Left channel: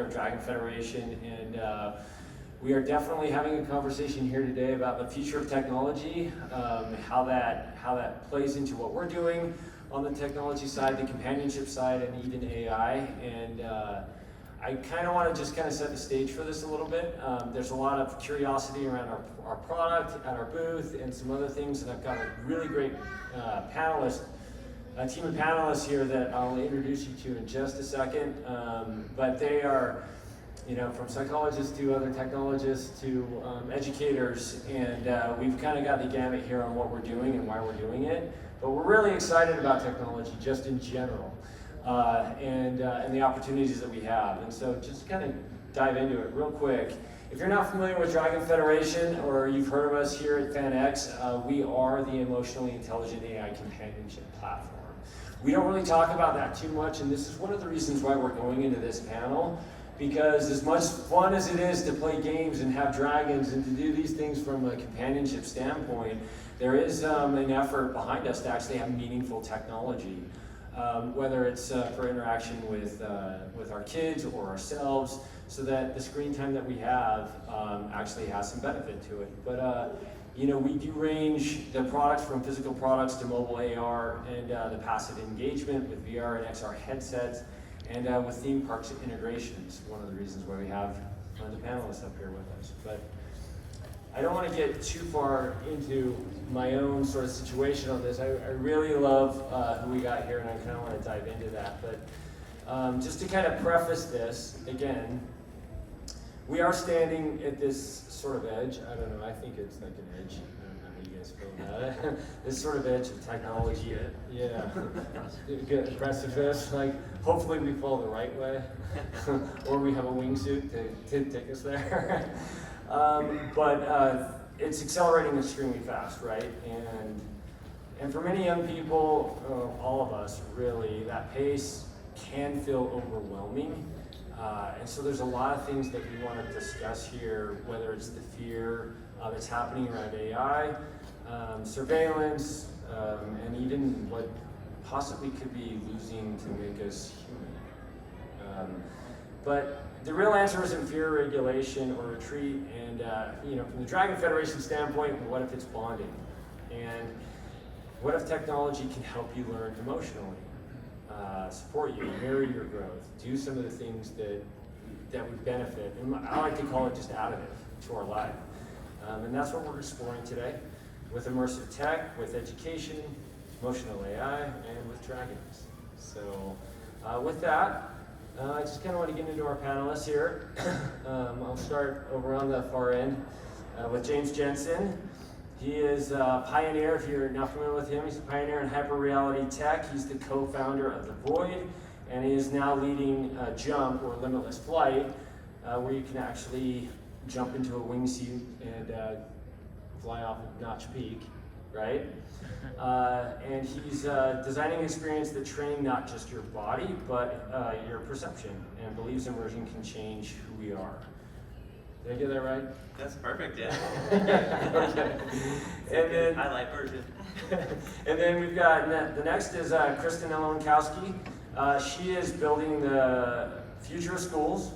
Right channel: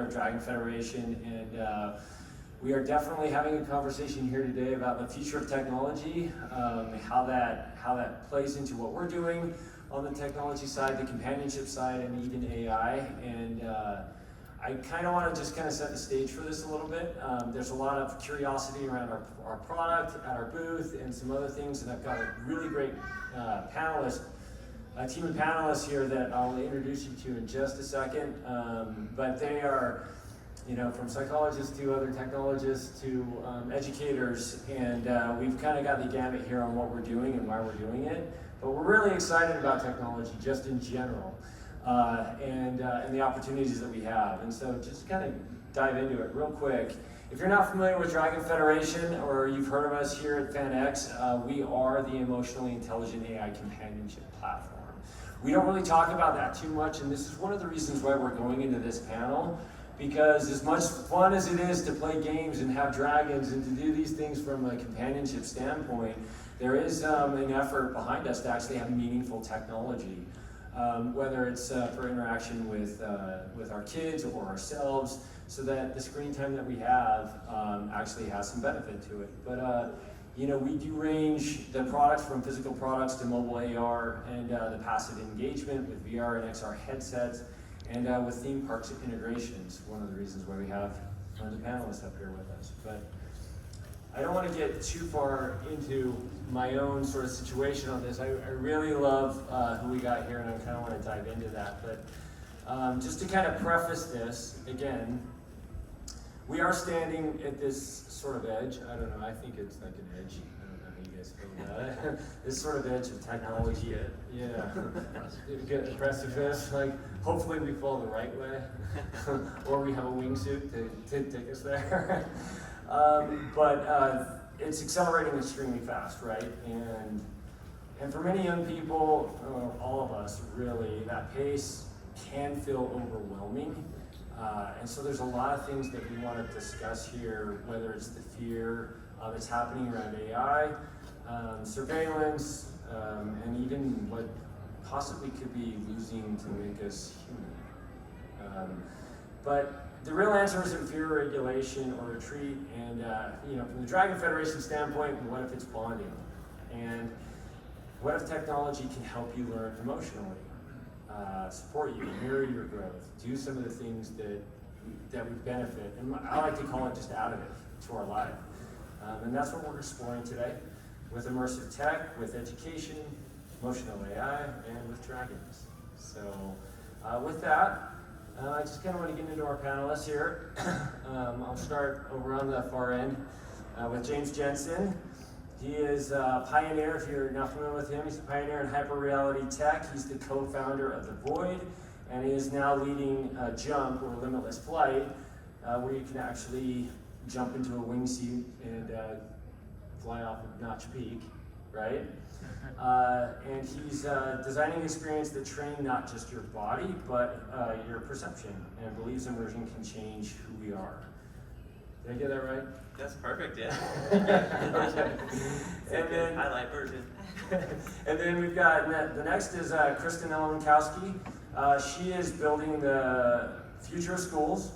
founder of Dragon Federation, and we are definitely having a conversation here today about the future of technology, how that plays into what we're doing on the technology side, the companionship side, and even AI. And I kind of want to just kind of set the stage for this a little bit. There's a lot of curiosity around our product at our booth and some other things, and I've got a really great team of panelists here that I'll introduce you to in just a second. But they are, from psychologists to other technologists to educators, and we've kind of got the gamut here on what we're doing and why we're doing it. But we're really excited about technology just in general, and the opportunities that we have. And so just kind of dive into it real quick. If you're not familiar with Dragon Federation, or you've heard of us here at FanX, we are the emotionally intelligent AI companionship platform. We don't really talk about that too much, and this is one of the reasons why we're going into this panel, because as much fun as it is to play games and have dragons and to do these things from a companionship standpoint, there is an effort behind us to actually have meaningful technology, whether it's for interaction with our kids or ourselves, so that the screen time that we have actually has some benefit to it. But we do range the products from physical products to mobile AR and the passive engagement with VR and XR headsets, and with theme parks integrations, one of the reasons why we have one of the panelists up here with us. But I don't want to get too far into my own sort of situation on this. I really love who we got here, and I kind of want to dive into that. But just to kind of preface this, again, we are standing at this sort of edge. I don't know, I think it's like an edge. I don't know how you guys feel about it. This sort of edge of technology. Yeah. Good precipice. Like, hopefully we fall the right way, or we have a wingsuit to take us there. But it's accelerating extremely fast, right? And for many young people, all of us really, that pace can feel overwhelming. And so there's a lot of things that we want to discuss here, whether it's the fear that's happening around AI, surveillance, and even what possibly could be losing to make us human. But the real answer isn't fear, regulation, or retreat. And from the Dragon Federation standpoint, what if it's bonding? And what if technology can help you learn emotionally, support you, mirror your growth, do some of the things that we benefit, and I like to call it just additive to our life. And that's what we're exploring today with immersive tech, with education, emotional AI, and with dragons. So with that, I just kind of want to get into our panelists here. I'll start over on the far end with James Jensen. He is a pioneer, if you're not familiar with him, he's a pioneer in hyperreality tech. He's the co-founder of The Void, and he is now leading Jump, or Limitless Flight, where you can actually jump into a wingsuit and fly off of Notch Peak, right? And he's designing an experience that trains not just your body, but your perception, and believes immersion can change who we are. Did I get that right? That's perfect, yeah. Okay. And then highlight version. And then we've got, the next is Kristen Olonkowski. She is building the future of schools.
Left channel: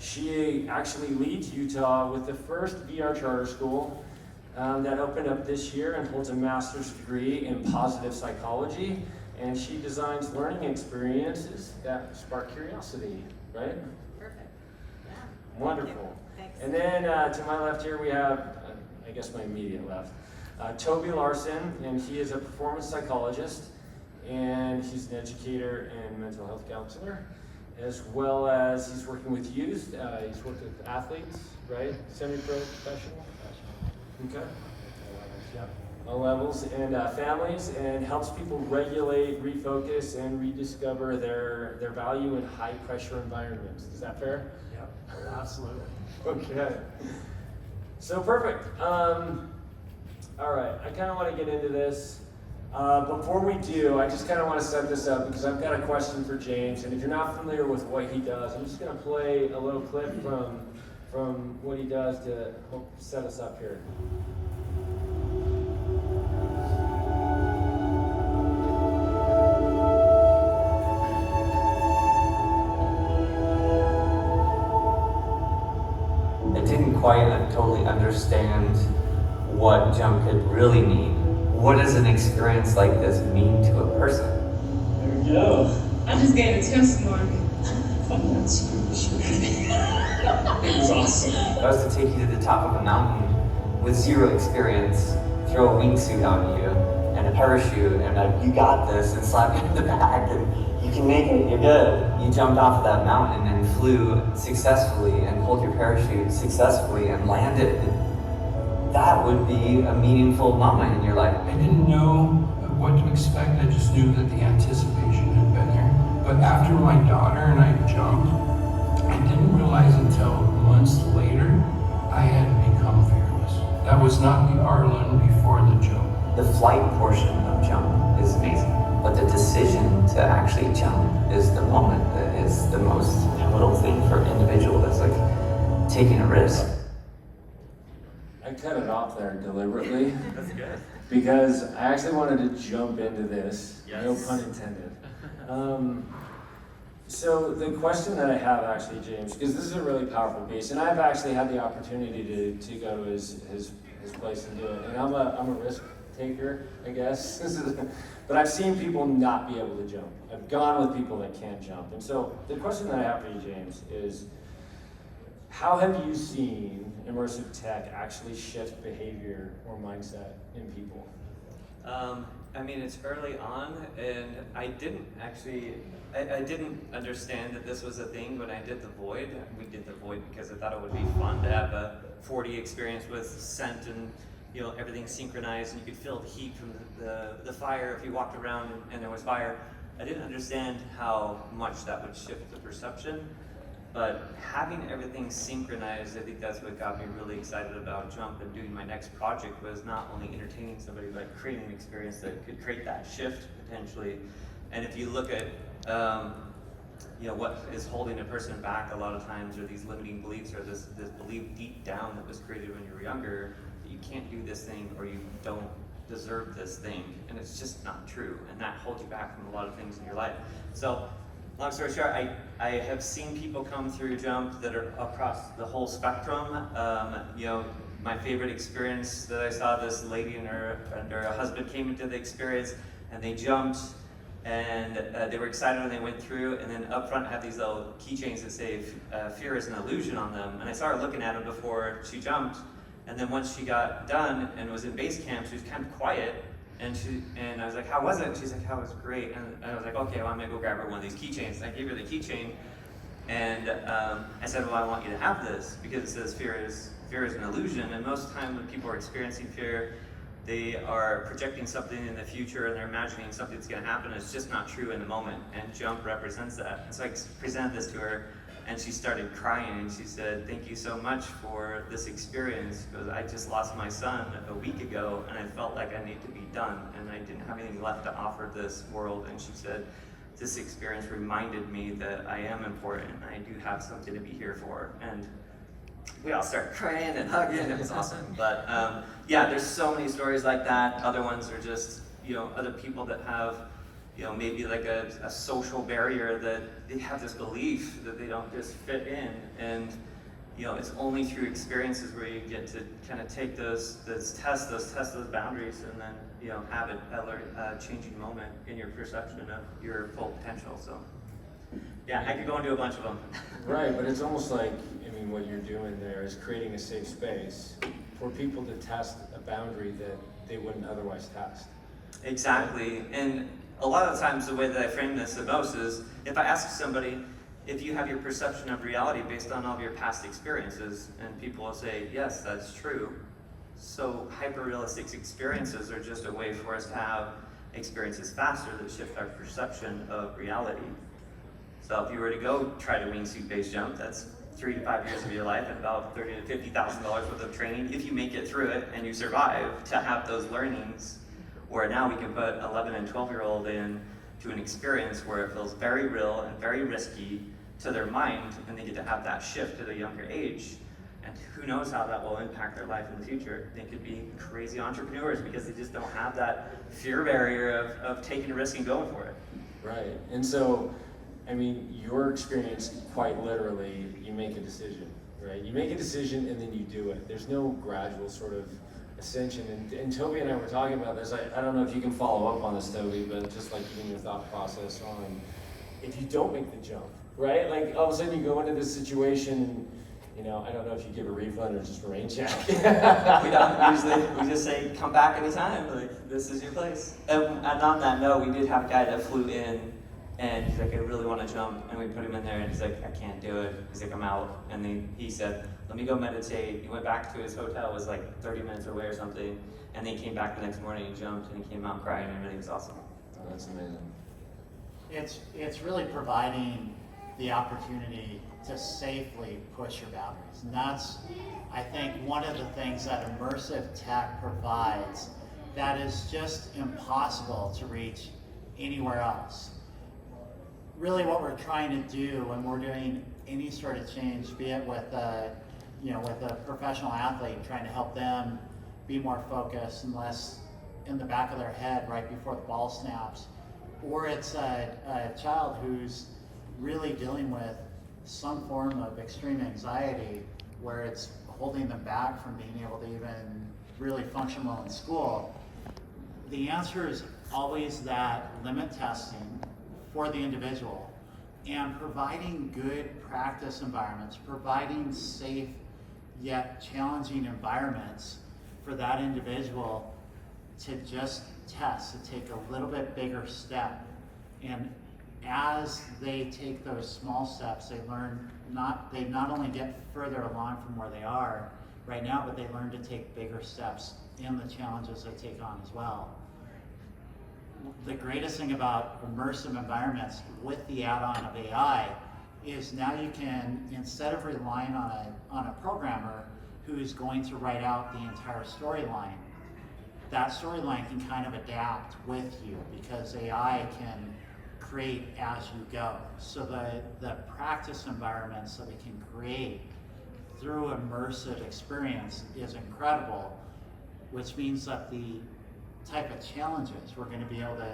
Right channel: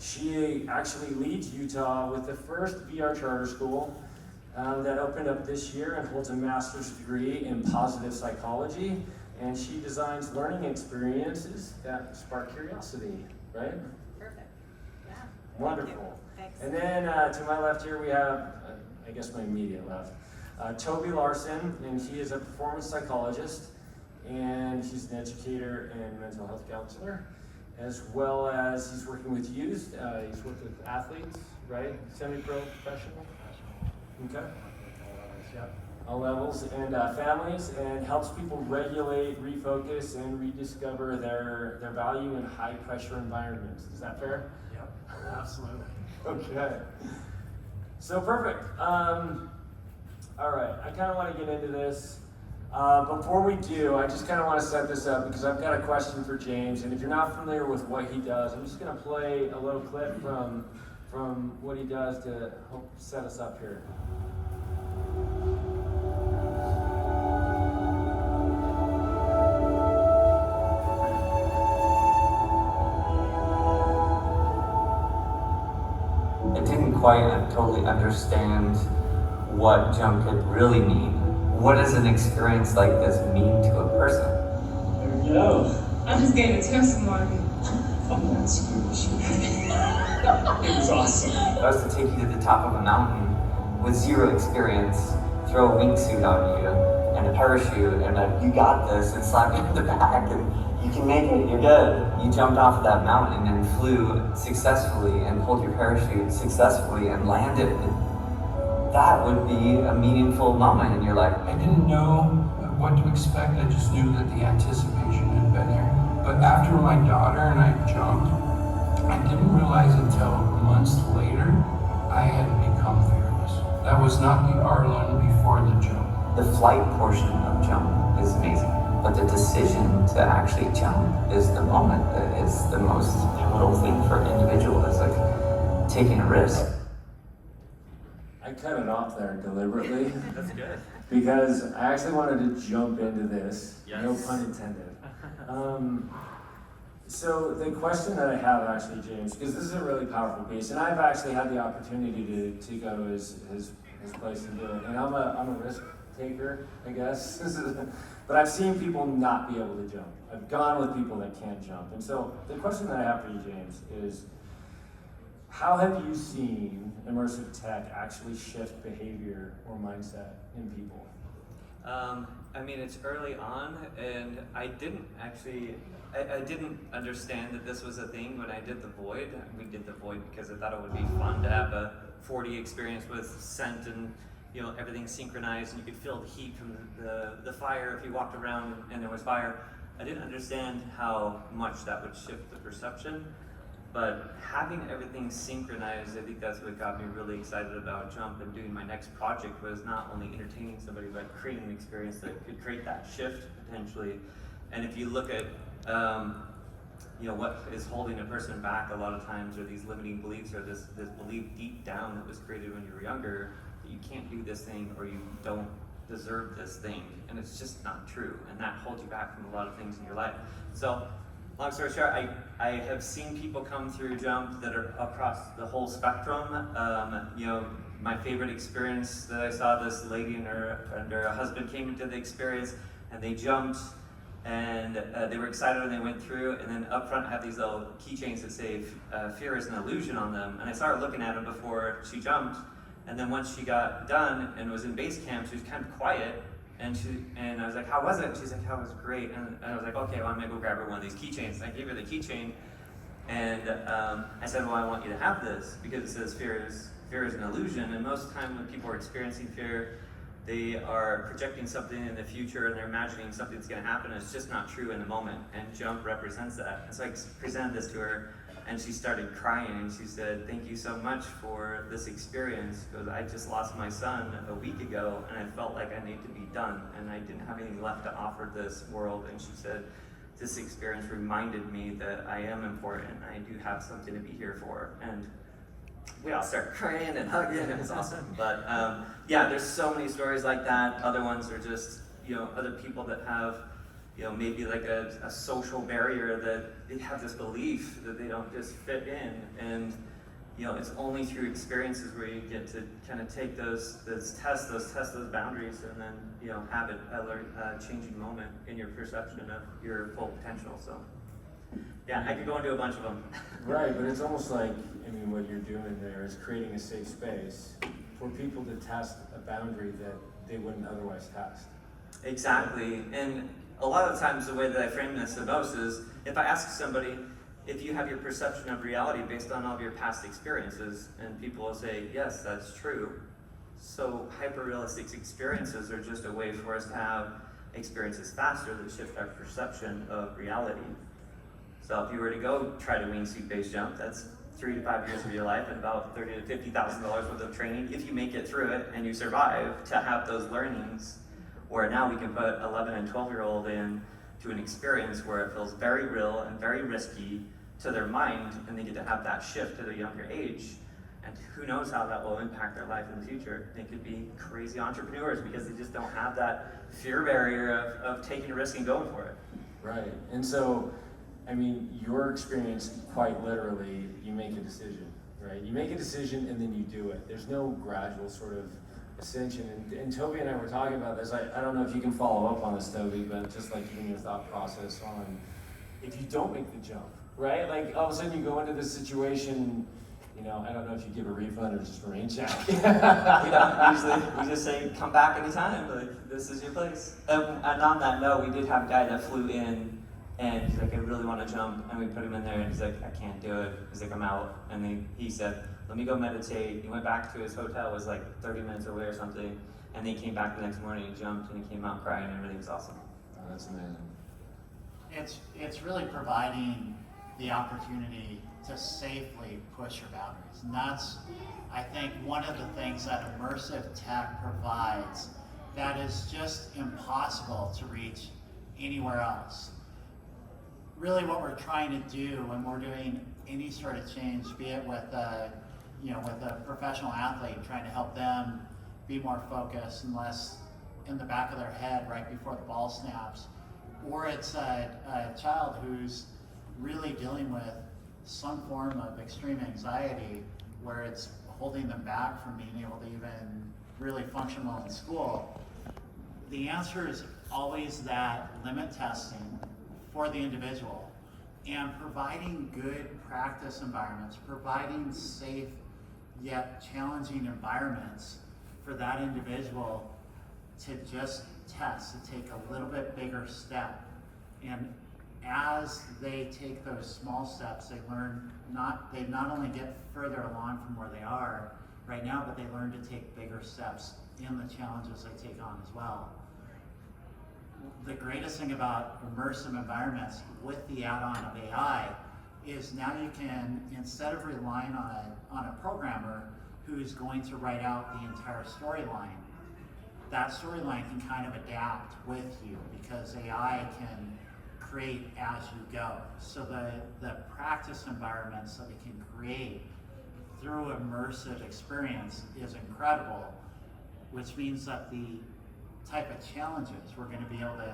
She actually leads Utah with the first VR charter school that opened up this year and holds a master's degree in positive psychology. And she designs learning experiences that spark curiosity, right? Perfect. Yeah. Wonderful. Thanks. And then to my left here we have, I guess my immediate left, Toby Larson, and he is a performance psychologist, and he's an educator and mental health counselor, as well as he's working with youth. He's worked with athletes, right? Semi-pro, professional? Okay. All levels, and families, and helps people regulate, refocus, and rediscover their value in high-pressure environments. Is that fair? Yep, absolutely. Okay. So perfect. All right, I kind of want to get into this. Before we do, I just kind of want to set this up because I've got a question for James, and if you're not familiar with what he does, I'm just going to play a little clip from what he does to help set us up here. I didn't quite totally understand what jump could really mean. What does an experience like this mean to a person? There we go. I just gave a testimony. I'm not super sure. It was awesome. If I was to take you to the top of a mountain with zero experience, throw a wingsuit on you and a parachute and you got this and slap you in the back and you can make it, you're good. You jumped off of that mountain and flew successfully and pulled your parachute successfully and landed. That would be a meaningful moment in your life. I didn't know what to expect. I just knew that the anticipation had been there. But after my daughter and I jumped, I didn't realize until months later I had become fearless. That was not the Arlen before the jump. The flight portion of jump is amazing, but the decision to actually jump is the moment that is the most pivotal thing for an individual. That's like taking a risk. I cut it off there deliberately. That's good. Because I actually wanted to jump into this, Yes. no pun intended. So the question that I have actually, James, because this is a really powerful piece, and I've actually had the opportunity to go to his place and do it, and I'm a risk taker, I guess. But I've seen people not be able to jump. I've gone with people that can't jump, and so the question that I have for you, James, is how have you seen immersive tech actually shift behavior or mindset in people? I mean, it's early on, and I didn't understand that this was a thing when I did the Void. We did the Void because I thought it would be fun to have a 4D experience with scent and everything synchronized, and you could feel the heat from the fire if you walked around and there was fire. I didn't understand how much that would shift the perception. But having everything synchronized, I think that's what got me really excited about Jump, and doing my next project was not only entertaining somebody, but creating an experience that could create that shift potentially. And if you look at what is holding a person back a lot of times are these limiting beliefs, or this belief deep down that was created when you were younger, that you can't do this thing or you don't deserve this thing. And it's just not true. And that holds you back from a lot of things in your life. So long story short, I have seen people come through Jump that are across the whole spectrum. My favorite experience that I saw, this lady and her husband came into the experience, and they jumped, and they were excited when they went through, and then up front had these little keychains that say fear is an illusion on them. And I saw her looking at them before she jumped, and then once she got done and was in base camp, she was kind of quiet. And I was like, how was it? And she's like, oh, it was great. And I was like, okay, well, I'm gonna go grab her one of these keychains. And I gave her the keychain, and I said, well, I want you to have this because it says fear is an illusion. And most of the time when people are experiencing fear, they are projecting something in the future and they're imagining something that's gonna happen. And it's just not true in the moment. And Jump represents that. And so I presented this to her, and she started crying, and she said, thank you so much for this experience, because I just lost my son a week ago, and I felt like I need to be done, and I didn't have anything left to offer this world. And she said, this experience reminded me that I am important, and I do have something to be here for. And we all started crying and hugging, it was awesome. But there's so many stories like that. Other ones are just, other people that have maybe like a social barrier, that they have this belief that they don't just fit in. And, it's only through experiences where you get to kind of take those test those boundaries, and then, have a changing moment in your perception of your full potential. So, yeah, I could go into a bunch of them. Right, but it's almost like, what you're doing there is creating a safe space for people to test a boundary that they wouldn't otherwise test. Exactly. And a lot of times the way that I frame this the most is, if I ask somebody, if you have your perception of reality based on all of your past experiences, and people will say, yes, that's true. So hyper-realistic experiences are just a way for us to have experiences faster that shift our perception of reality. So if you were to go try to wingsuit base jump, that's 3 to 5 years of your life and about $30,000 to $50,000 worth of training, if you make it through it and you survive, to have those learnings. Where now we can put 11 and 12-year-old in to an experience where it feels very real and very risky to their mind, and they get to have that shift at a younger age. And who knows how that will impact their life in the future. They could be crazy entrepreneurs because they just don't have that fear barrier of taking a risk and going for it. Right, and so, your experience, quite literally, you make a decision, right? You make a decision and then you do it. There's no gradual sort of ascension. And Toby and I were talking about this. I don't know if you can follow up on this, Toby, but just like giving your thought process on if you don't make the jump, right? Like all of a sudden you go into this situation and, you know, I don't know if you give a refund or just a rain check. We don't usually. We just say, come back anytime. Like, this is your place. And on that note, we did have a guy that flew in, and he's like, I really want to jump. And we put him in there, and he's like, I can't do it. He's like, I'm out. And then he said, let me go meditate. He went back to his hotel. It was like 30 minutes away or something. And then he came back the next morning, he jumped, and he came out crying, and everything was awesome. Oh, that's amazing. It's really providing the opportunity to safely push your boundaries. And that's, I think, one of the things that immersive tech provides that is just impossible to reach anywhere else. Really what we're trying to do when we're doing any sort of change, be it with with a professional athlete, trying to help them be more focused and less in the back of their head right before the ball snaps, or it's a child who's really dealing with some form of extreme anxiety where it's holding them back from being able to even really function well in school. The answer is always that limit testing for the individual and providing good practice environments, providing safe yet challenging environments for that individual to just test, to take a little bit bigger step. And as they take those small steps, they not only get further along from where they are right now, but they learn to take bigger steps in the challenges they take on as well. The greatest thing about immersive environments with the add-on of AI is now you can, instead of relying on a programmer who is going to write out the entire storyline, that storyline can kind of adapt with you because AI can create as you go. So the practice environments that we can create through immersive experience is incredible, which means that the type of challenges we're going to be able to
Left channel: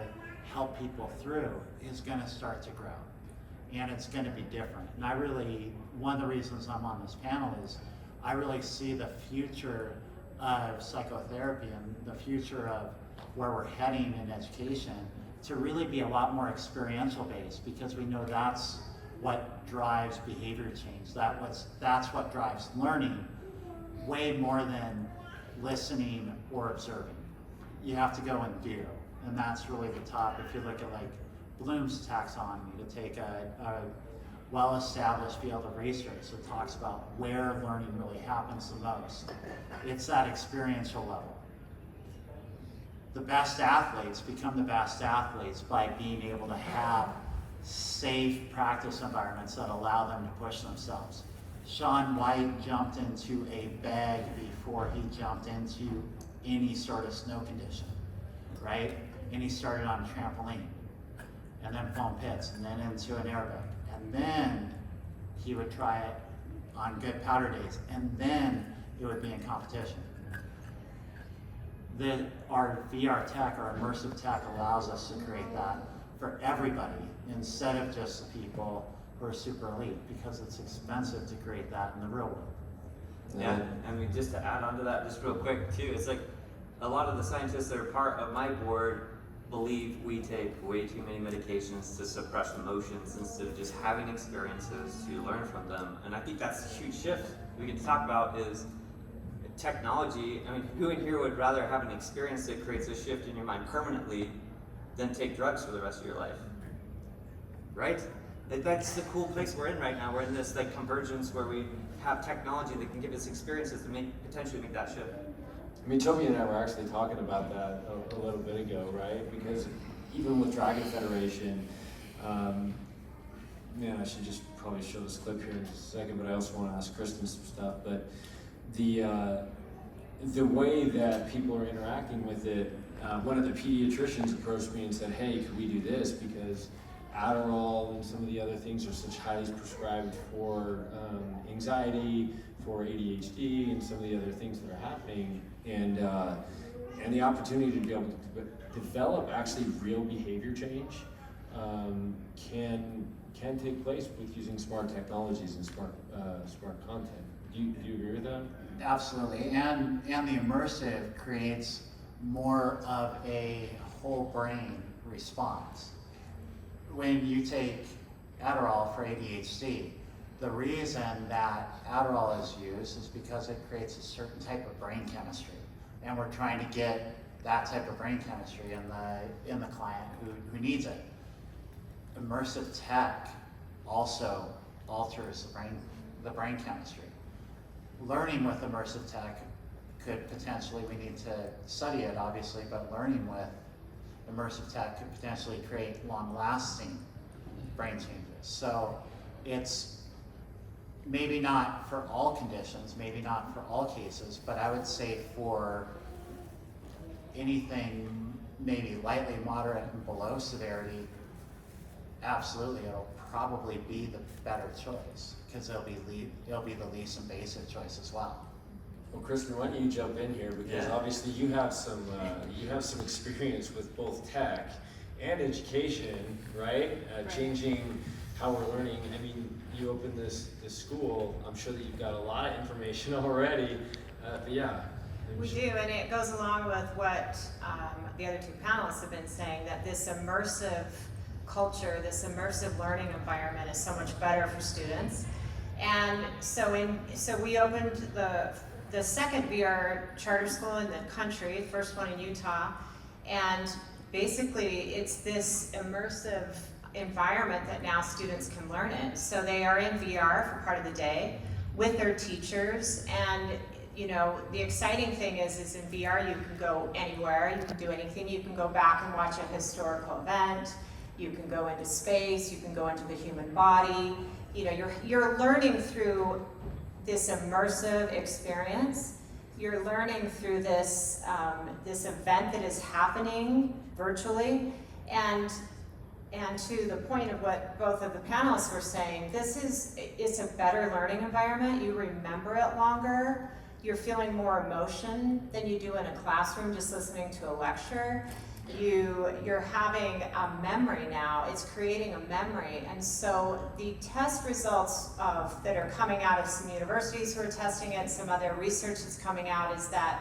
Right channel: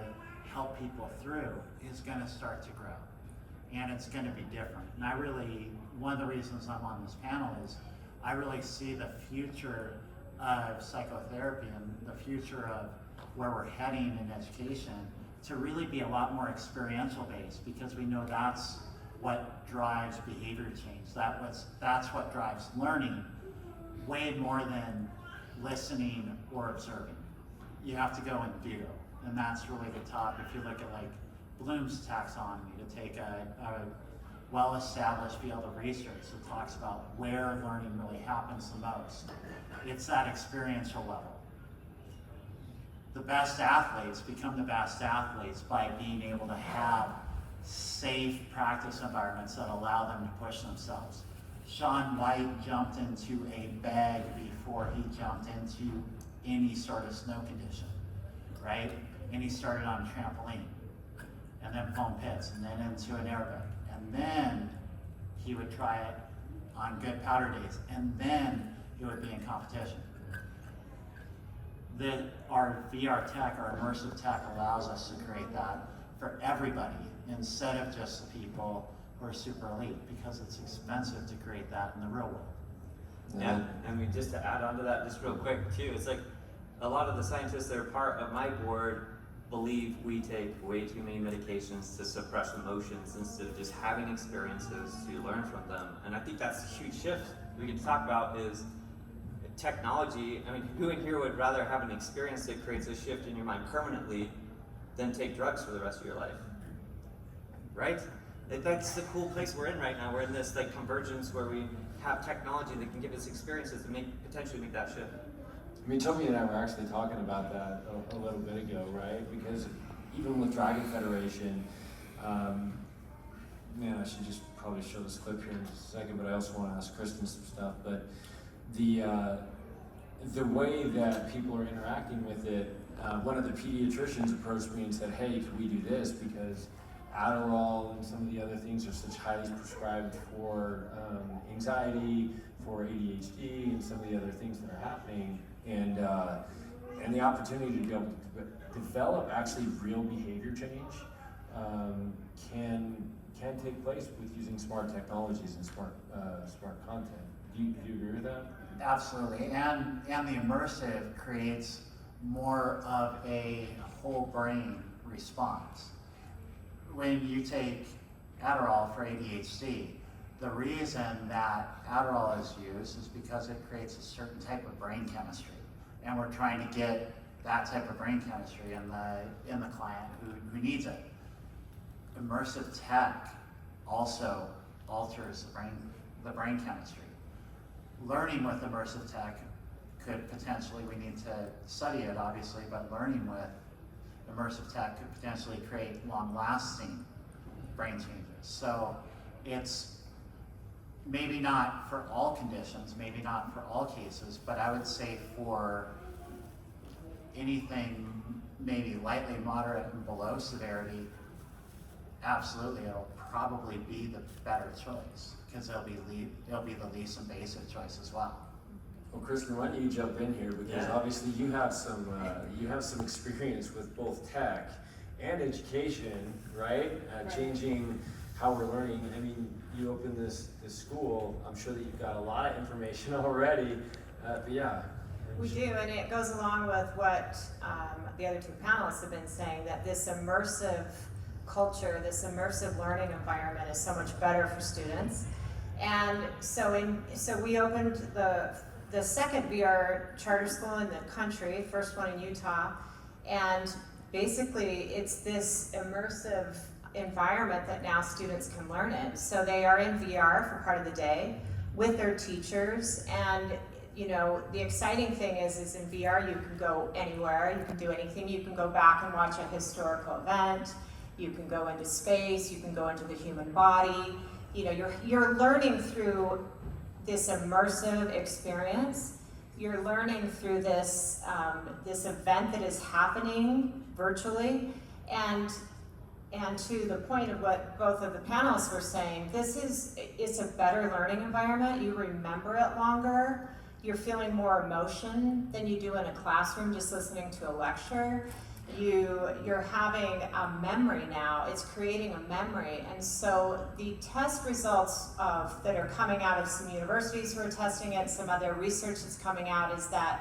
help people through is going to start to grow. And it's going to be different. And one of the reasons I'm on this panel is I really see the future of psychotherapy and the future of where we're heading in education to really be a lot more experiential based, because we know that's what drives behavior change. That's what drives learning way more than listening or observing. You have to go and do, and that's really the top. If you look at like Bloom's taxonomy, to take a well-established field of research that talks about where learning really happens the most, it's that experiential level. The best athletes become the best athletes by being able to have safe practice environments that allow them to push themselves. Shaun White jumped into a bag before he jumped into any sort of snow condition, right? And he started on a trampoline, and then foam pits, and then into an airbag. And then he would try it on good powder days, and then it would be in competition. Our VR tech, our immersive tech, allows us to create that for everybody instead of just the people who are super elite, because it's expensive to create that in the real world. Yeah, and just to add on to that, just real quick too, it's like a lot of the scientists that are part of my board believe we take way too many medications to suppress emotions instead of just having experiences to learn from them. And I think that's a huge shift we can talk about is technology. I mean, who in here would rather have an experience that creates a shift in your mind permanently than take drugs for the rest of your life? Right? That's the cool place we're in right now. We're in this like convergence where we have technology that can give us experiences to potentially make that shift. I mean, Toby and I were actually talking about that a little bit ago, right? Because even with Dragon Federation, man, I should just probably show this clip here in just a second, but I also want to ask Kristen some stuff. But the way that people are interacting with it, one of the pediatricians approached me and said, hey, could we do this? Because Adderall and some of the other things are such highly prescribed for anxiety, for ADHD, and some of the other things that are happening. And the opportunity to be able to develop actually real behavior change can take place with using smart technologies and smart content. Do you agree with that? Absolutely, and the immersive creates more of a whole brain response. When you take Adderall for ADHD, the reason that Adderall is used is because it creates a certain type of brain chemistry, and we're trying to get that type of brain chemistry in the client who needs it. Immersive tech also alters the brain chemistry. Learning with immersive tech could potentially, we need to study it obviously, but learning with immersive tech could potentially create long-lasting brain changes. So it's maybe not for all conditions, maybe not for all cases, but I would say for anything maybe lightly moderate and below severity, absolutely, it'll probably be the better choice because it'll be the least invasive choice as well. Well, Kristen, why don't you jump in here, because Yeah. obviously you have some experience with both tech and education, right? Right. Changing how we're learning. I mean, you opened this school. I'm sure that you've got a lot of information already, but yeah. We do, and it goes along with what the other two panelists have been saying, that this immersive culture, this immersive learning environment is so much better for students. And so we opened the second VR charter school in the country, first one in Utah, and basically it's this immersive environment that now students can learn in. So they are in VR for part of the day with their teachers, and you know, the exciting thing is in VR you can go anywhere, you can do anything. You can go back and watch a historical event, you can go into space, you can go into the human body. You know, you're learning through this immersive experience. You're learning through this this event that is happening virtually, and to the point of what both of the panelists were saying, it's a better learning environment. You remember it longer. You're feeling more emotion than you do in a classroom just listening to a lecture. You're having a memory now. It's creating a memory. And so the test results that are coming out of some universities who are testing it, some other research that's coming out, is that,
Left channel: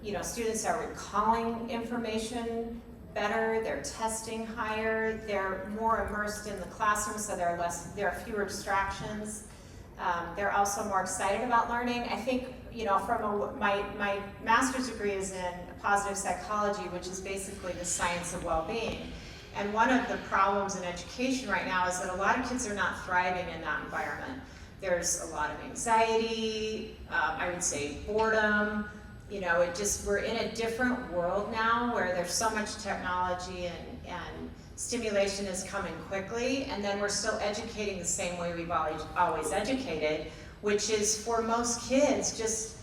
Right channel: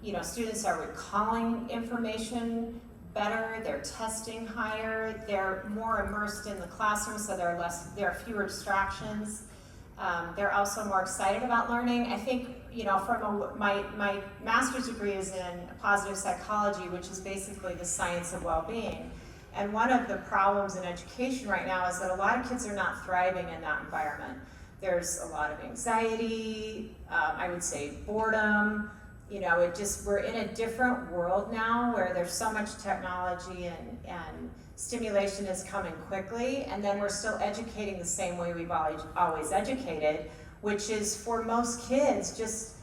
you know, students are recalling information better, they're testing higher, they're more immersed in the classroom, so there are fewer distractions. They're also more excited about learning. I think, you know, my master's degree is in positive psychology, which is basically the science of well-being. And one of the problems in education right now is that a lot of kids are not thriving in that environment. There's a lot of anxiety, I would say boredom. You know, we're in a different world now where there's so much technology and stimulation is coming quickly, and then we're still educating the same way we've always educated, which is for most kids just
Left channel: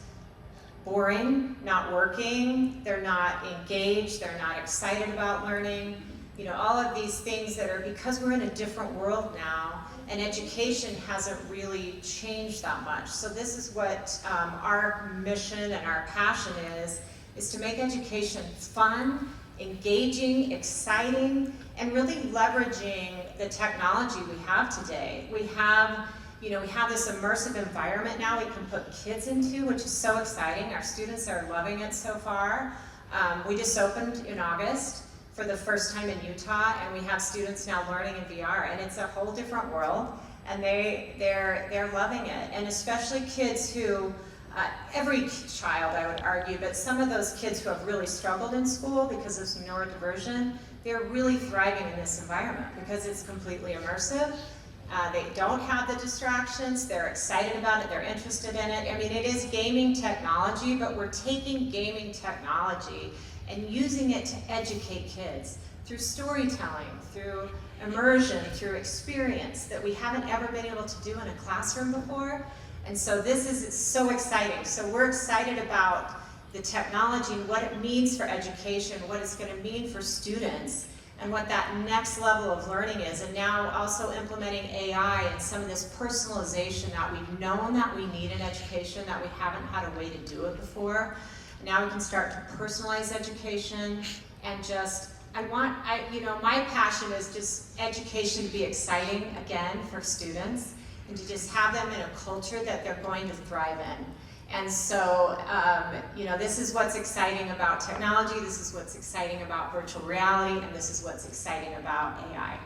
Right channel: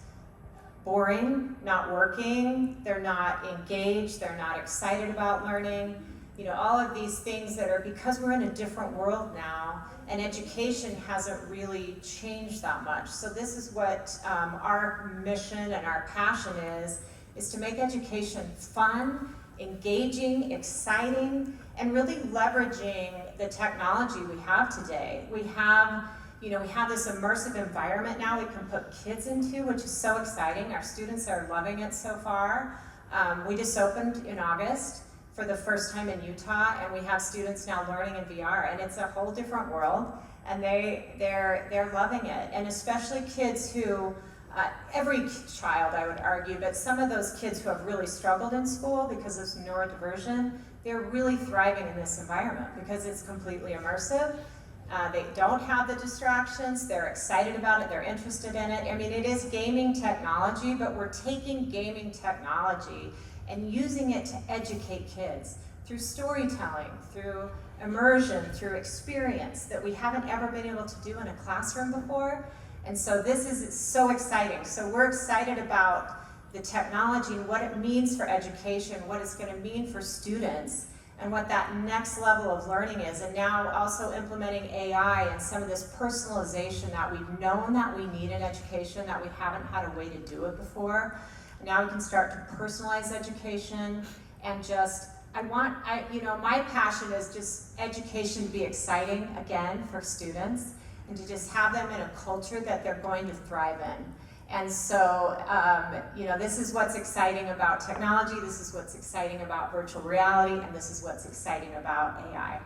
boring, not working, they're not engaged, they're not excited about learning. You know, all of these things that are, because we're in a different world now, and education hasn't really changed that much. So this is what our mission and our passion is to make education fun, engaging, exciting, and really leveraging the technology we have today. We have this immersive environment now we can put kids into, which is so exciting. Our students are loving it so far. We just opened in August for the first time in Utah, and we have students now learning in VR, and it's a whole different world, and they're loving it. And especially kids who, every child I would argue, but some of those kids who have really struggled in school because of some neurodiversion, they're really thriving in this environment because it's completely immersive. They don't have the distractions, they're excited about it, they're interested in it. I mean, it is gaming technology, but we're taking gaming technology and using it to educate kids through storytelling, through immersion, through experience that we haven't ever been able to do in a classroom before. And so this is so exciting. So we're excited about the technology and what it means for education, what it's going to mean for students, and what that next level of learning is. And now also implementing AI and some of this personalization that we've known that we need in education, that we haven't had a way to do it before. Now we can start to personalize education and just, my passion is just education to be exciting again for students. and to just have them in a culture that they're going to thrive in. And so, this is what's exciting about technology, this is what's exciting about virtual reality, and this is what's exciting about AI.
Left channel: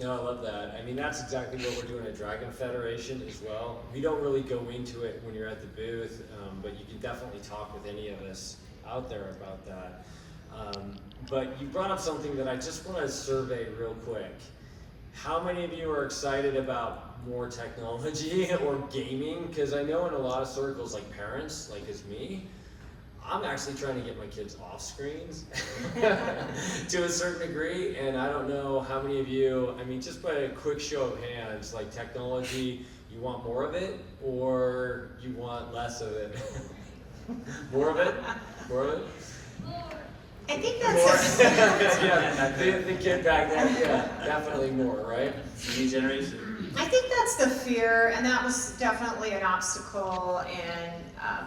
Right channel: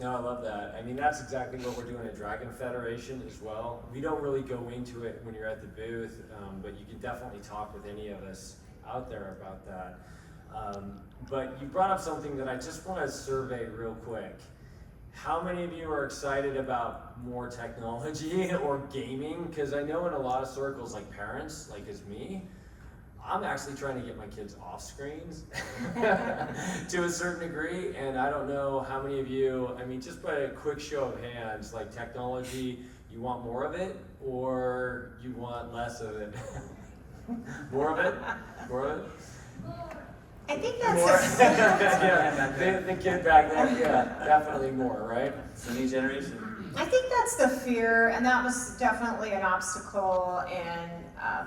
No, I love that. I mean, that's exactly what we're doing at Dragon Federation as well. We don't really go into it when you're at the booth, but you can definitely talk with any of us out there about that. But you brought up something that I just want to survey real quick. How many of you are excited about more technology or gaming? Because I know in a lot of circles, like parents, like as me, I'm actually trying to get my kids off screens to a certain degree, and I don't know how many of you, I mean, just by a quick show of hands, like technology, you want more of it or you want less of it? More of it? More of it? I think More? that's Yeah, the kid back then, yeah, definitely more, right? It's a new generation. I think that's the fear, and that was definitely an obstacle in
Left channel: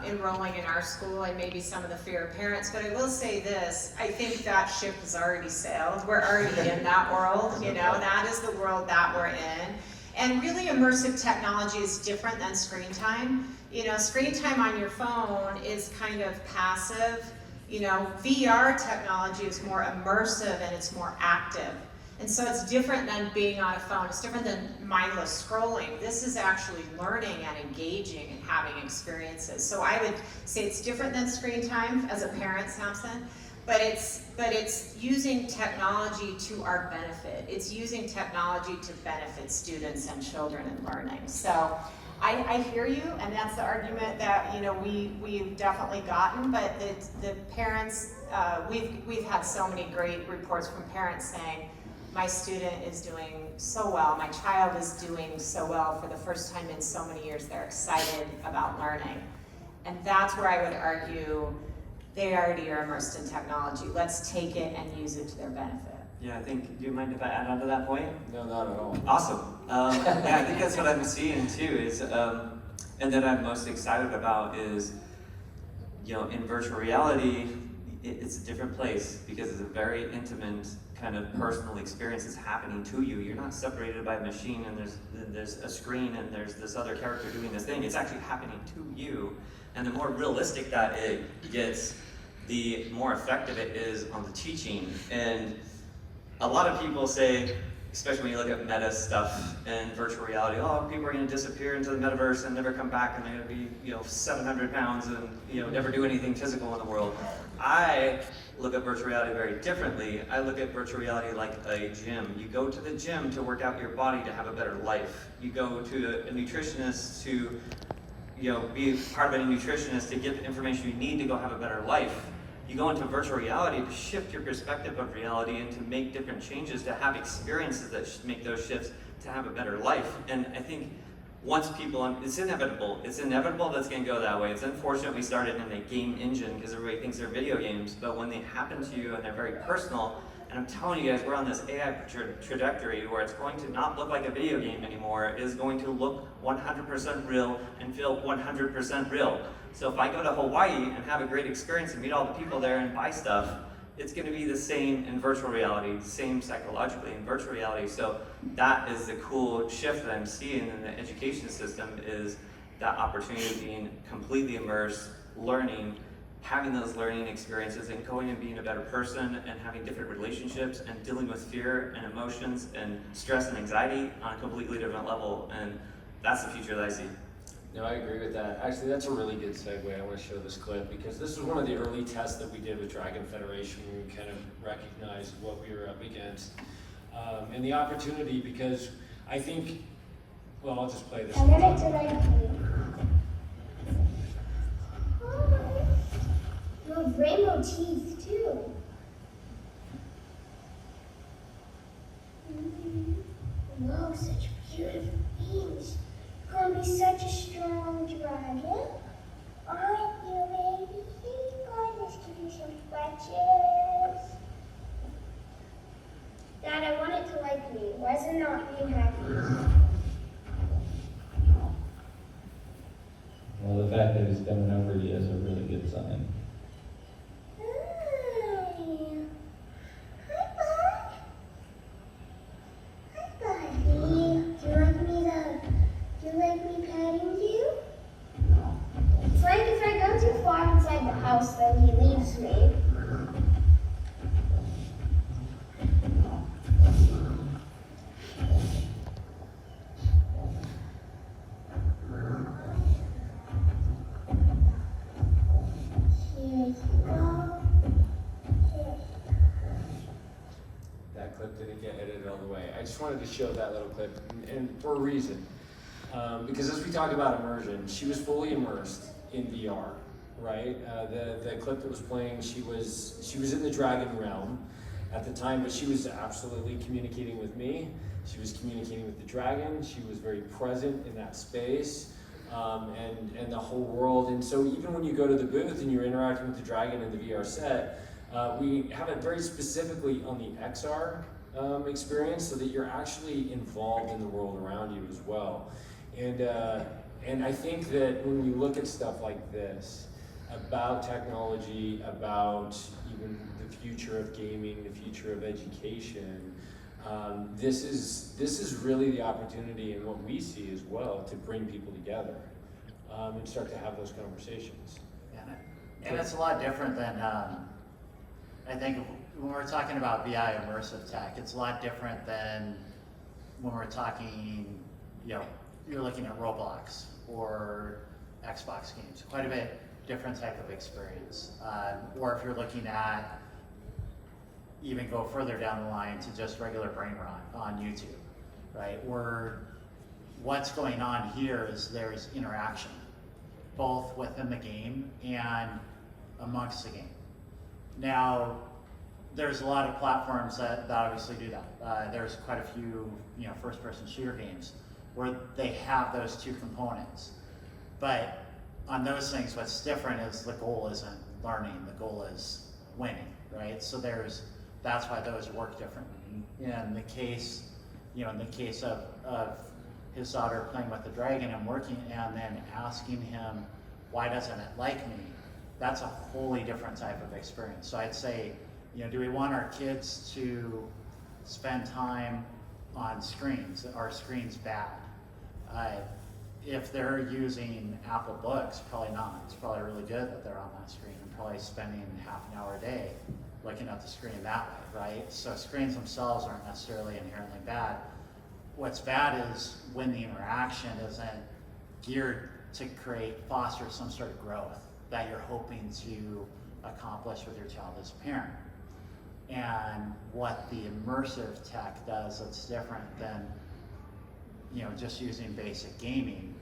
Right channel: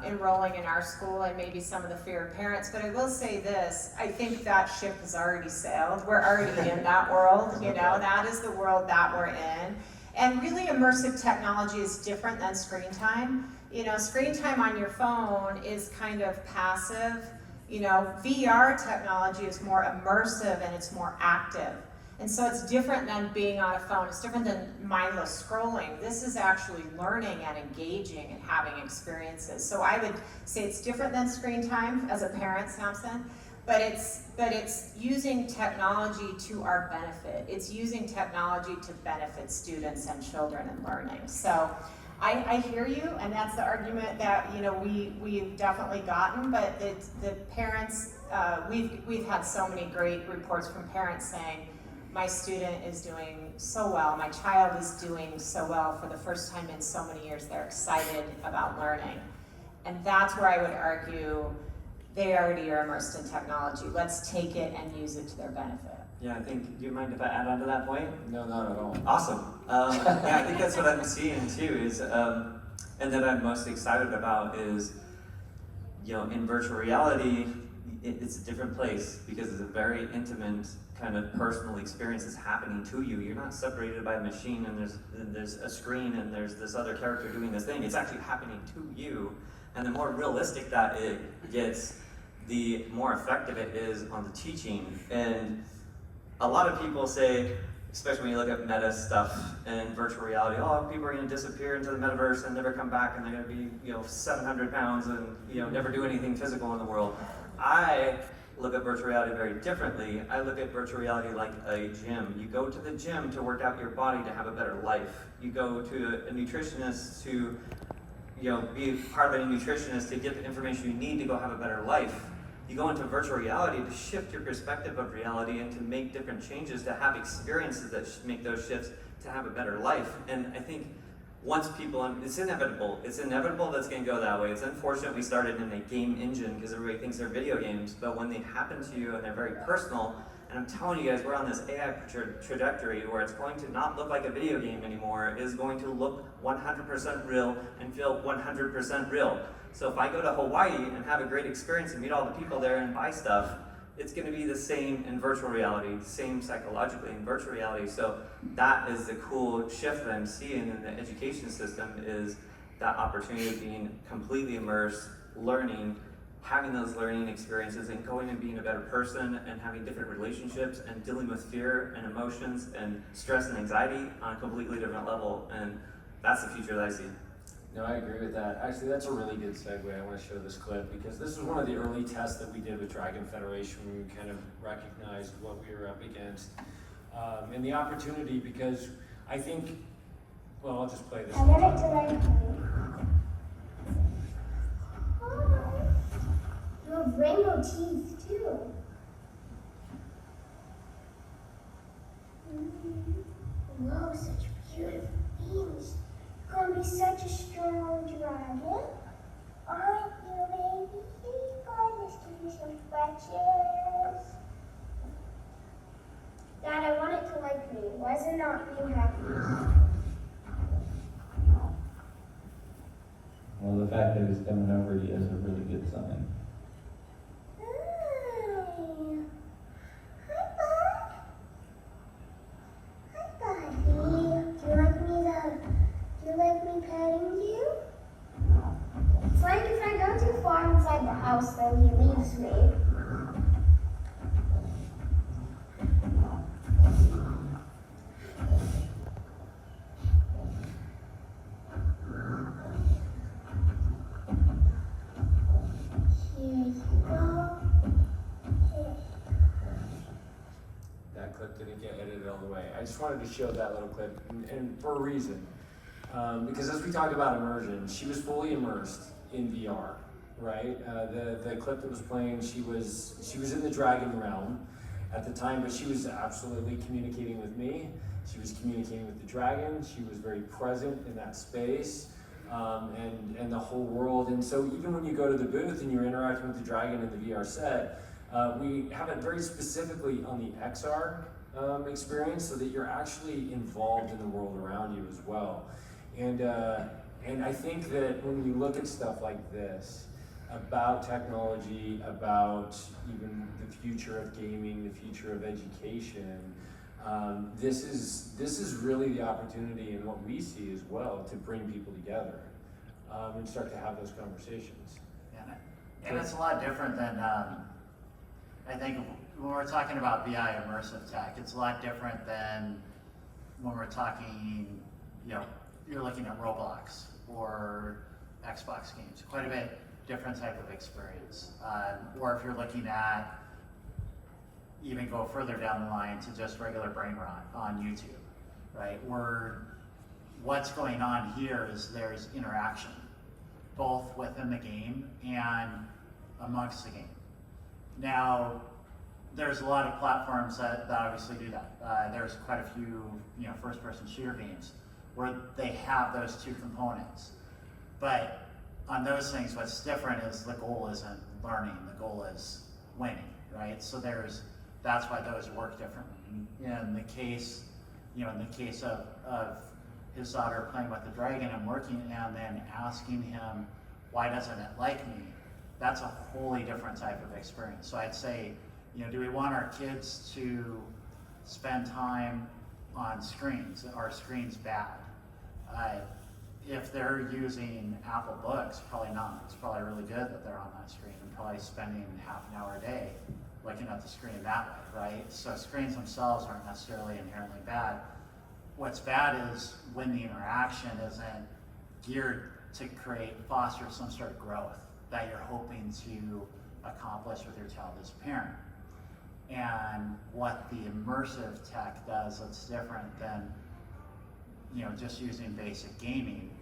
enrolling in our school, and maybe some of the fear of parents. But I will say this: I think that ship has already sailed. We're already in that world. That is the world that we're in. And really, immersive technology is different than screen time. Screen time on your phone is kind of passive. VR technology is more immersive and it's more active. And so it's different than being on a phone. It's different than mindless scrolling. This is actually learning and engaging and having experiences. So I would say it's different than screen time as a parent, Samson, but it's using technology to our benefit. It's using technology to benefit students and children in learning. So I hear you, and that's the argument that we've definitely gotten. But the parents, we've had so many great reports from parents saying, my student is doing so well, my child is doing so well for the first time in so many years. They're excited about learning, and that's where I would argue they already are immersed in technology. Let's take it and use it to their benefit. Yeah, I think, do you mind if I add on to that point? No, not at all. Awesome. Yeah, I think that's what I'm seeing too is, and that I'm most excited about is, in virtual reality, it's a different place because it's a very intimate kind of personal experience that's happening to you. You're not separated by a machine and there's a screen and there's this other character doing this thing. It's actually happening to you. And the more realistic that it gets, the more effective it is on the teaching. And a lot of people say, especially when you look at meta stuff and virtual reality, people are going to disappear into the metaverse and never come back, and they're going to be 700 pounds and never do anything physical in the world. I look at virtual reality very differently. I look at virtual reality like a gym. You go to the gym to work out your body to have a better life. You go to a nutritionist to be part of a nutritionist to get the information you need to go have a better life. You go into virtual reality to shift your perspective of reality and to make different changes, to have experiences that make those shifts to have a better life. And I think once people, it's inevitable. It's inevitable that's going to go that way. It's unfortunate we started in a game engine because everybody thinks they're video games, but when they happen to you and they're very personal, and I'm telling you guys, we're on this AI trajectory where it's going to not look like a video game anymore. It is going to look 100% real and feel 100% real. So if I go to Hawaii and have a great experience and meet all the people there and buy stuff, it's going to be the same in virtual reality, same psychologically in virtual reality. So that is the cool shift that I'm seeing in the education system, is that opportunity of being completely immersed, learning, having those learning experiences and going and being a better person and having different relationships and dealing with fear and emotions and stress and anxiety on a completely different level. And that's the future that I see. No, I agree with that. Actually, that's a really good segue. I want to show this clip because this was one of the early tests that we did with Dragon Federation when we kind of recognized what we were up against. And the opportunity, because I think, well, I'll just play this. I wanted to like you have rainbow teeth too. Whoa, such beautiful things. You're gonna be such a strong dragon. Aren't you, baby? Let's give you some scratches. Dad, I want it to like me. Why is it not being happy? Well, the fact that it's done already is a really good sign. Hi. Hi, bud. Hi, buddy. Do you like me to wanted to show that little clip, and for a reason. Because as we talk about immersion, she was fully immersed in VR, right? The clip that was playing, she was in the dragon realm at the time, but she was absolutely communicating with me. She was communicating with the dragon. She was very present in that space, and the whole world. And so even when you go to the booth and you're interacting with the dragon in the VR set, we have it very specifically on the XR experience, so that you're actually involved in the world around you as well. And I think that when you look at stuff like this, about technology, about even the future of gaming, the future of education, this is really the opportunity, and what we see as well, to bring people together and start to have those conversations. And it's a lot different than, I think when we're talking about VI immersive tech, it's a lot different than when we're talking, you're looking at Roblox or Xbox games. Quite a bit different type of experience. Or if you're looking at, even go further down the line to just regular brain rot on YouTube, right? What's going on here is there's interaction, both within the game and amongst the game. Now, there's a lot of platforms that obviously do that. There's quite a few, first-person shooter games where they have those two components. But on those things, what's different is the goal isn't learning, the goal is winning, right? So that's why those work differently. In the case, of his daughter playing with the dragon and working, and then asking him, why doesn't it like me? That's a wholly different type of experience. So I'd say, do we want our kids to spend time on screens? Are screens bad? If they're using Apple Books, probably not. It's probably really good that they're on that screen, and probably spending half an hour a day looking at the screen that way, right? So screens themselves aren't necessarily inherently bad. What's bad is when the interaction isn't geared to foster some sort of growth that you're hoping to accomplish with your child as a parent. And what the immersive tech does that's different than just using basic gaming,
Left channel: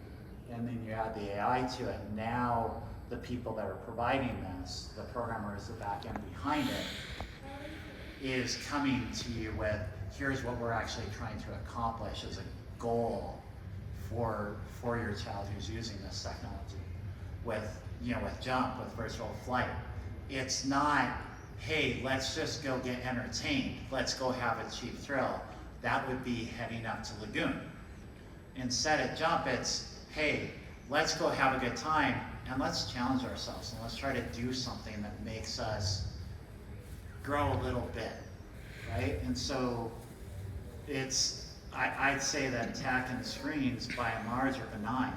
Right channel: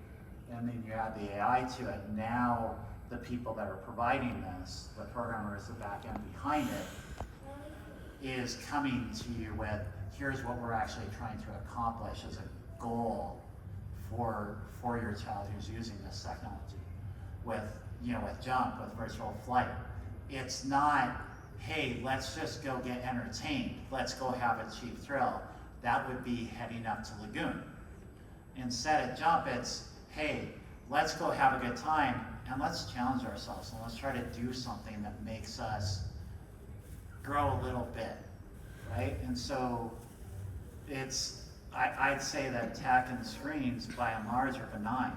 and then you add the AI to it. Now the people that are providing this, the programmers, the back end behind it, is coming to you with, here's what we're actually trying to accomplish as a goal for your child who's using this technology. With Jump, with virtual flight, it's not, hey, let's just go get entertained, let's go have a cheap thrill. That would be heading up to Lagoon. Instead at Jump, it's, hey, let's go have a good time, and let's challenge ourselves, and let's try to do something that makes us grow a little bit, right? And so I'd say that tech and screens, by and large, are benign.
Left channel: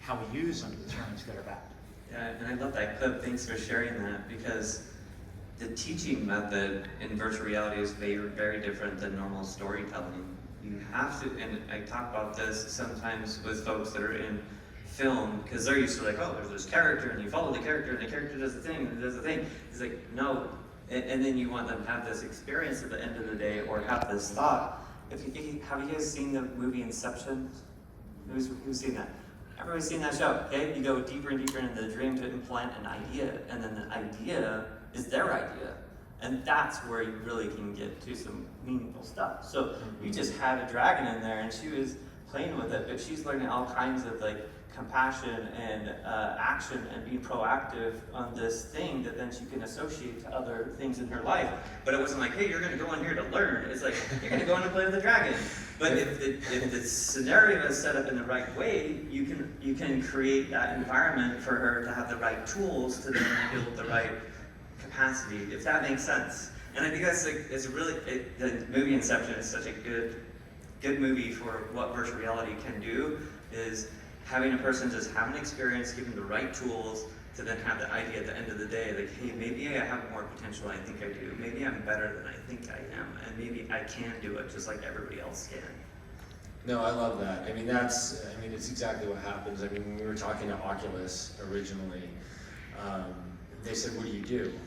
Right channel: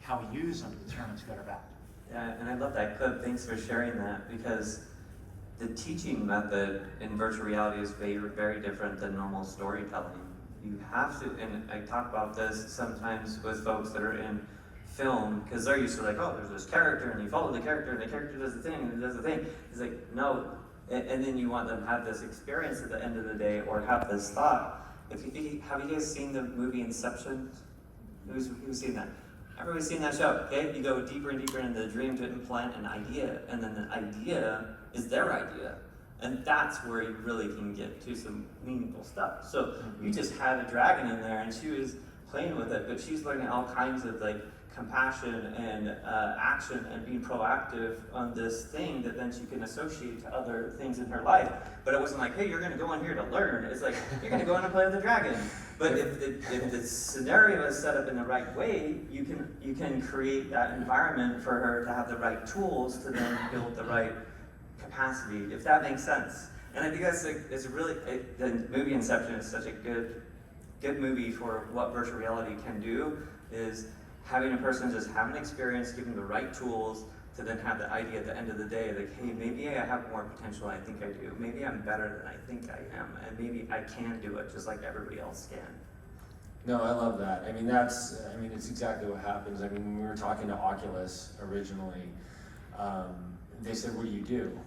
How we use them determines good or bad. Yeah, and I love that clip. Thanks for sharing that, because the teaching method in virtual reality is very, very different than normal storytelling. You have to, and I talk about this sometimes with folks that are in film, because they're used to there's this character, and you follow the character, and the character does the thing, and it does the thing. It's like, no, and then you want them to have this experience at the end of the day, or have this thought. Have you guys seen the movie Inception? Who's seen that? Everybody's seen that show, okay? You go deeper and deeper into the dream to implant an idea, and then the idea is their idea. And that's where you really can get to some meaningful stuff. So we just had a dragon in there, and she was playing with it, but she's learning all kinds of compassion and action and being proactive on this thing that then she can associate to other things in her life. But it wasn't like, hey, you're gonna go in here to learn. It's like, you're gonna go in and play with the dragon. But if the scenario is set up in the right way, you can create that environment for her to have the right tools to then build the right capacity, if that makes sense. And I think that's the movie Inception is such a good movie for what virtual reality can do, is having a person just have an experience, give them the right tools to then have the idea at the end of the day, hey, maybe I have more potential than I think I do. Maybe I'm better than I think I am, and maybe I can do it just like everybody else can. No, I love that. It's exactly what happens. When we were talking to Oculus originally, they said, what do you do?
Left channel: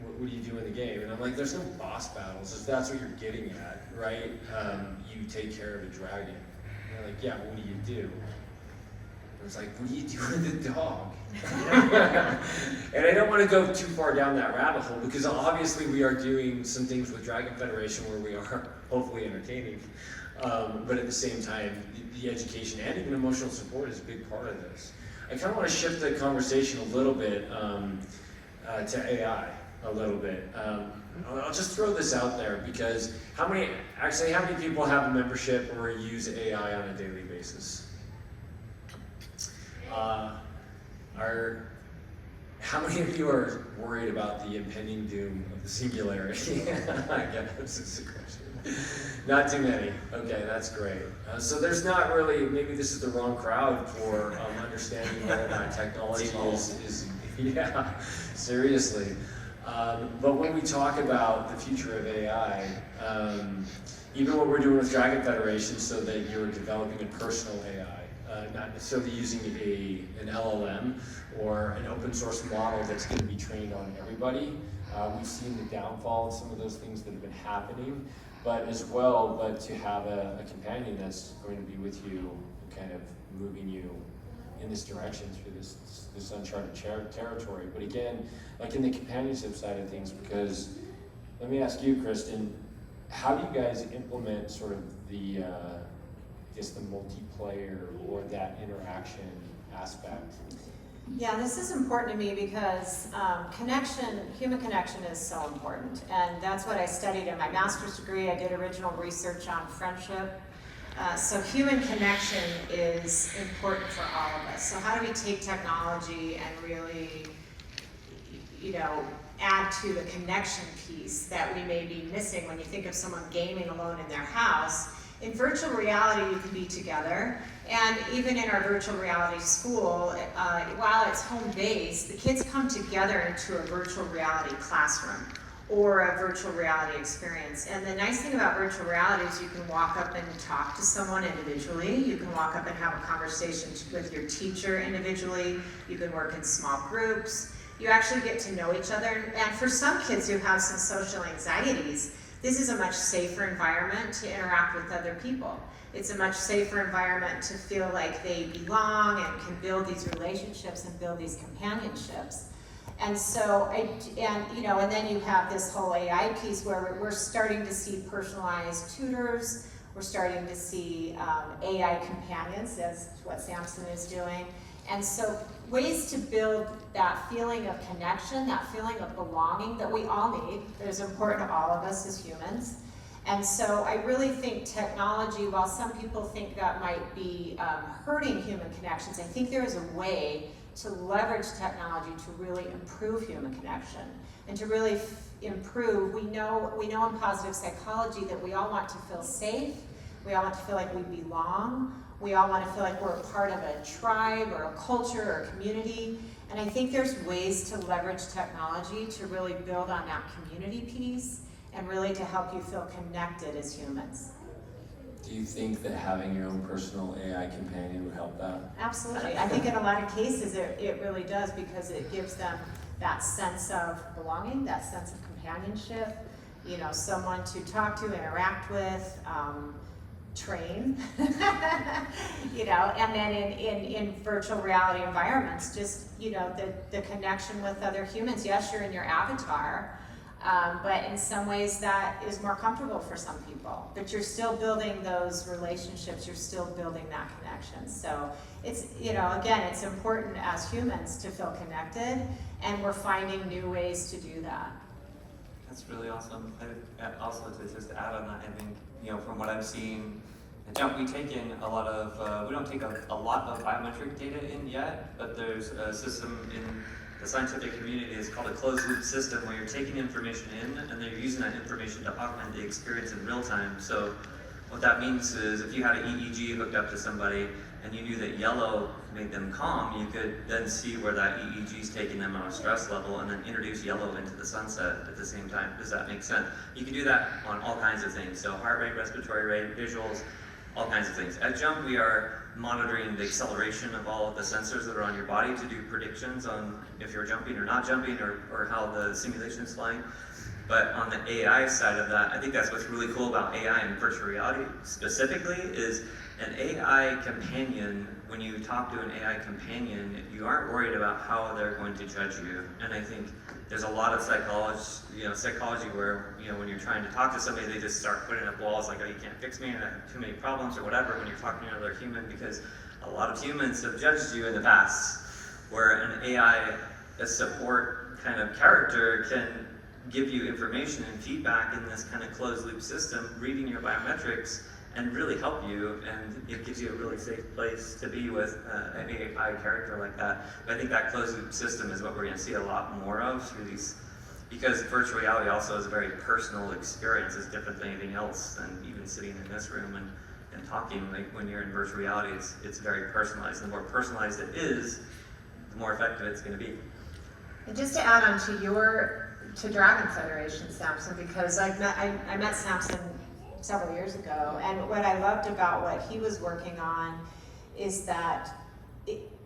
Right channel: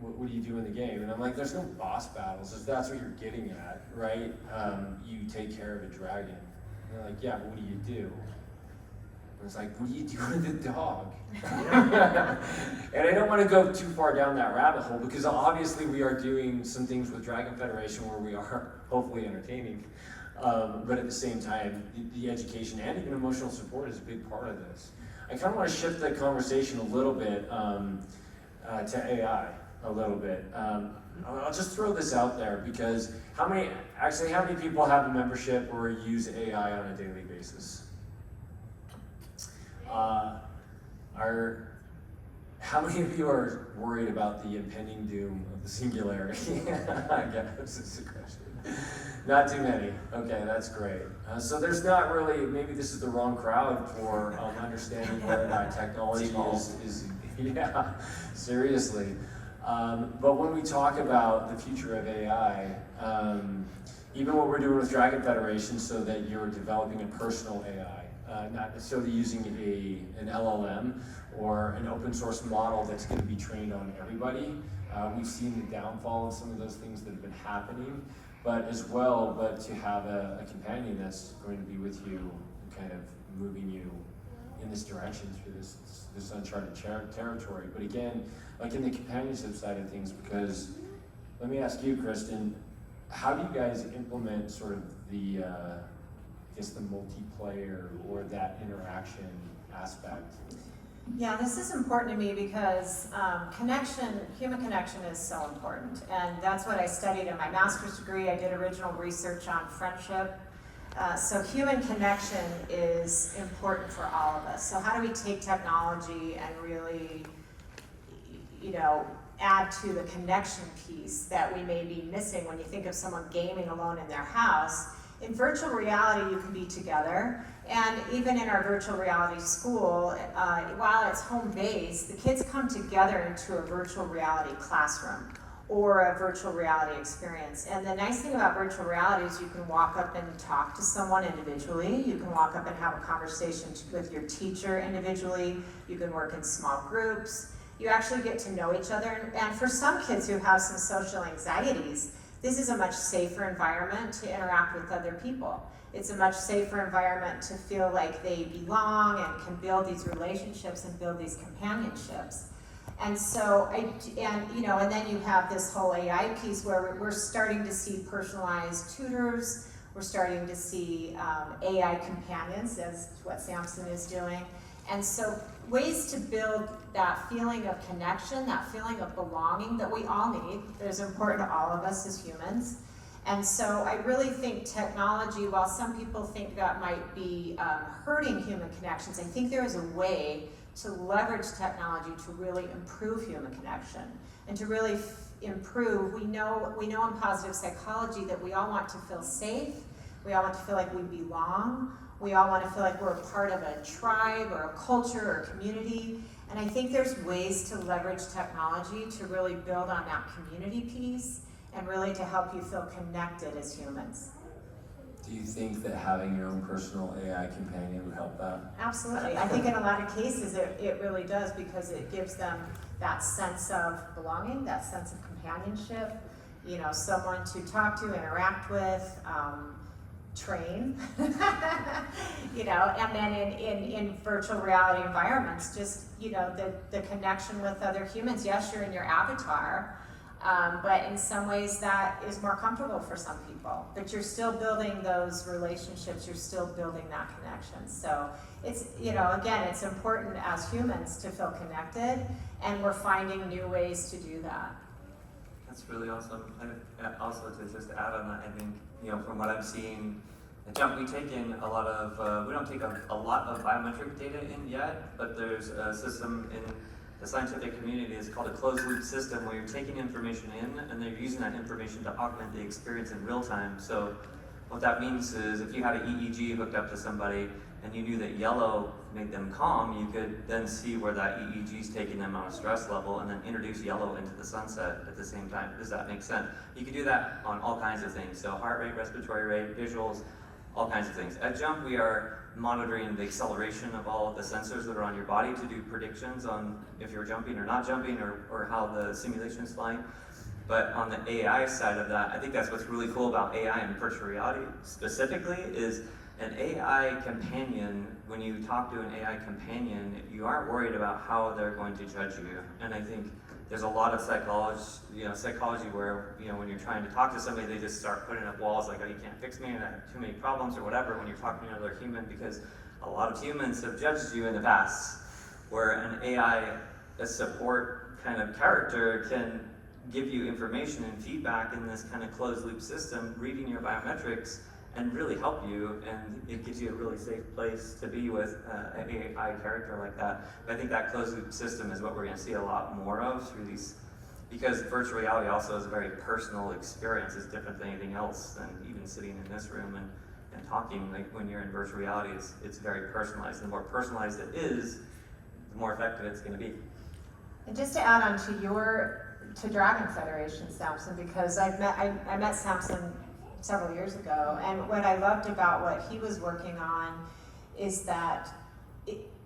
what do you do in the game? And I'm like, there's no boss battles, if that's what you're getting at, right? You take care of a dragon. And they're like, yeah, but what do you do? And it's like, what do you do with the dog? And I don't want to go too far down that rabbit hole, because obviously we are doing some things with Dragon Federation where we are hopefully entertaining. But at the same time, the education and even emotional support is a big part of this. I kind of want to shift the conversation a little bit to AI a little bit. I'll just throw this out there, because how many people have a membership or use AI on a daily basis? How many of you are worried about the impending doom of the singularity? I guess is the question. Not too many. Okay, that's great. So there's not really, maybe this is the wrong crowd for understanding what technology is. Yeah, seriously. But when we talk about the future of AI, even what we're doing with Dragon Federation, so that you're developing a personal AI, not necessarily using an LLM or an open source model that's going to be trained on everybody. We've seen the downfall of some of those things that have been happening, but to have a companion that's going to be with you, kind of moving you in this direction through this uncharted territory. But again, like in the companionship side of things, because let me ask you, Kristen, how do you guys implement sort of the multiplayer or that interaction aspect? Yeah, this is important to me because human connection is so important. And that's what I studied in my master's degree. I did original research on friendship. So human connection is important for all of us. So how do we take technology and really, add to the connection piece that we may be missing when you think of someone gaming alone in their house? In virtual reality, you can be together. And even in our virtual reality school, while it's home-based, the kids come together into a virtual reality classroom or a virtual reality experience. And the nice thing about virtual reality is you can walk up and talk to someone individually. You can walk up and have a conversation with your teacher individually. You can work in small groups. You actually get to know each other. And for some kids who have some social anxieties, this is a much safer environment to interact with other people. It's a much safer environment to feel like they belong and can build these relationships and build these companionships. And so, and then you have this whole AI piece where we're starting to see personalized tutors. We're starting to see AI companions, as what Samson is doing. And so ways to build that feeling of connection, that feeling of belonging that we all need, that is important to all of us as humans. And so I really think technology, while some people think that might be hurting human connections, I think there is a way to leverage technology to really improve human connection and to really improve. We know in positive psychology that we all want to feel safe. We all want to feel like we belong. We all want to feel like we're a part of a tribe or a culture or a community. And I think there's ways to leverage technology to really build on that community piece and really to help you feel connected as humans. Do you think that having your own personal AI companion would help that? Absolutely. I think in a lot of cases it really does, because it gives them that sense of belonging, that sense of companionship, someone to talk to, interact with, train, and then in virtual reality environments, just, the connection with other humans. Yes, you're in your avatar, but in some ways that is more comfortable for some people. But you're still building those relationships, you're still building that connection. So it's, again, it's important as humans to feel connected, and we're finding new ways to do that. That's really awesome. And also to just add on that, I think, from what I've seen at Jump, we take in a lot of, we don't take a lot of biometric data in yet, but there's a system in the scientific community is called a closed loop system, where you're taking information in and they're using that information to augment the experience in real time. So what that means is if you had an EEG hooked up to somebody and you knew that yellow made them calm, you could then see where that EEG is taking them on a stress level and then introduce yellow into the sunset at the same time. Does that make sense? You can do that on all kinds of things. So heart rate, respiratory rate, visuals, all kinds of things. At Jump, we are monitoring the acceleration of all of the sensors that are on your body to do predictions on if you're jumping or not jumping, or how the simulation is flying. But on the AI side of that, I think that's what's really cool about AI and virtual reality specifically is an AI companion. When you talk to an AI companion, you aren't worried about how they're going to judge you. And I think there's a lot of psychology where, when you're trying to talk to somebody, they just start putting up walls like, oh, you can't fix me, and I have too many problems or whatever when you're talking to another human, because a lot of humans have judged you in the past, where an AI, a support kind of character, can give you information and feedback in this kind of closed loop system, reading your biometrics, and really help you, and it gives you a really safe place to be with an AI character like that. But I think that closed loop system is what we're going to see a lot more of through these, because virtual reality also is a very personal experience. It's different than anything else, than even sitting in this room and talking. Like when you're in virtual reality, it's very personalized. The more personalized it is, the more effective it's going to be. And just to add on to Dragon Federation, Samson, because I met Samson several years ago, and what I loved about what he was working on is that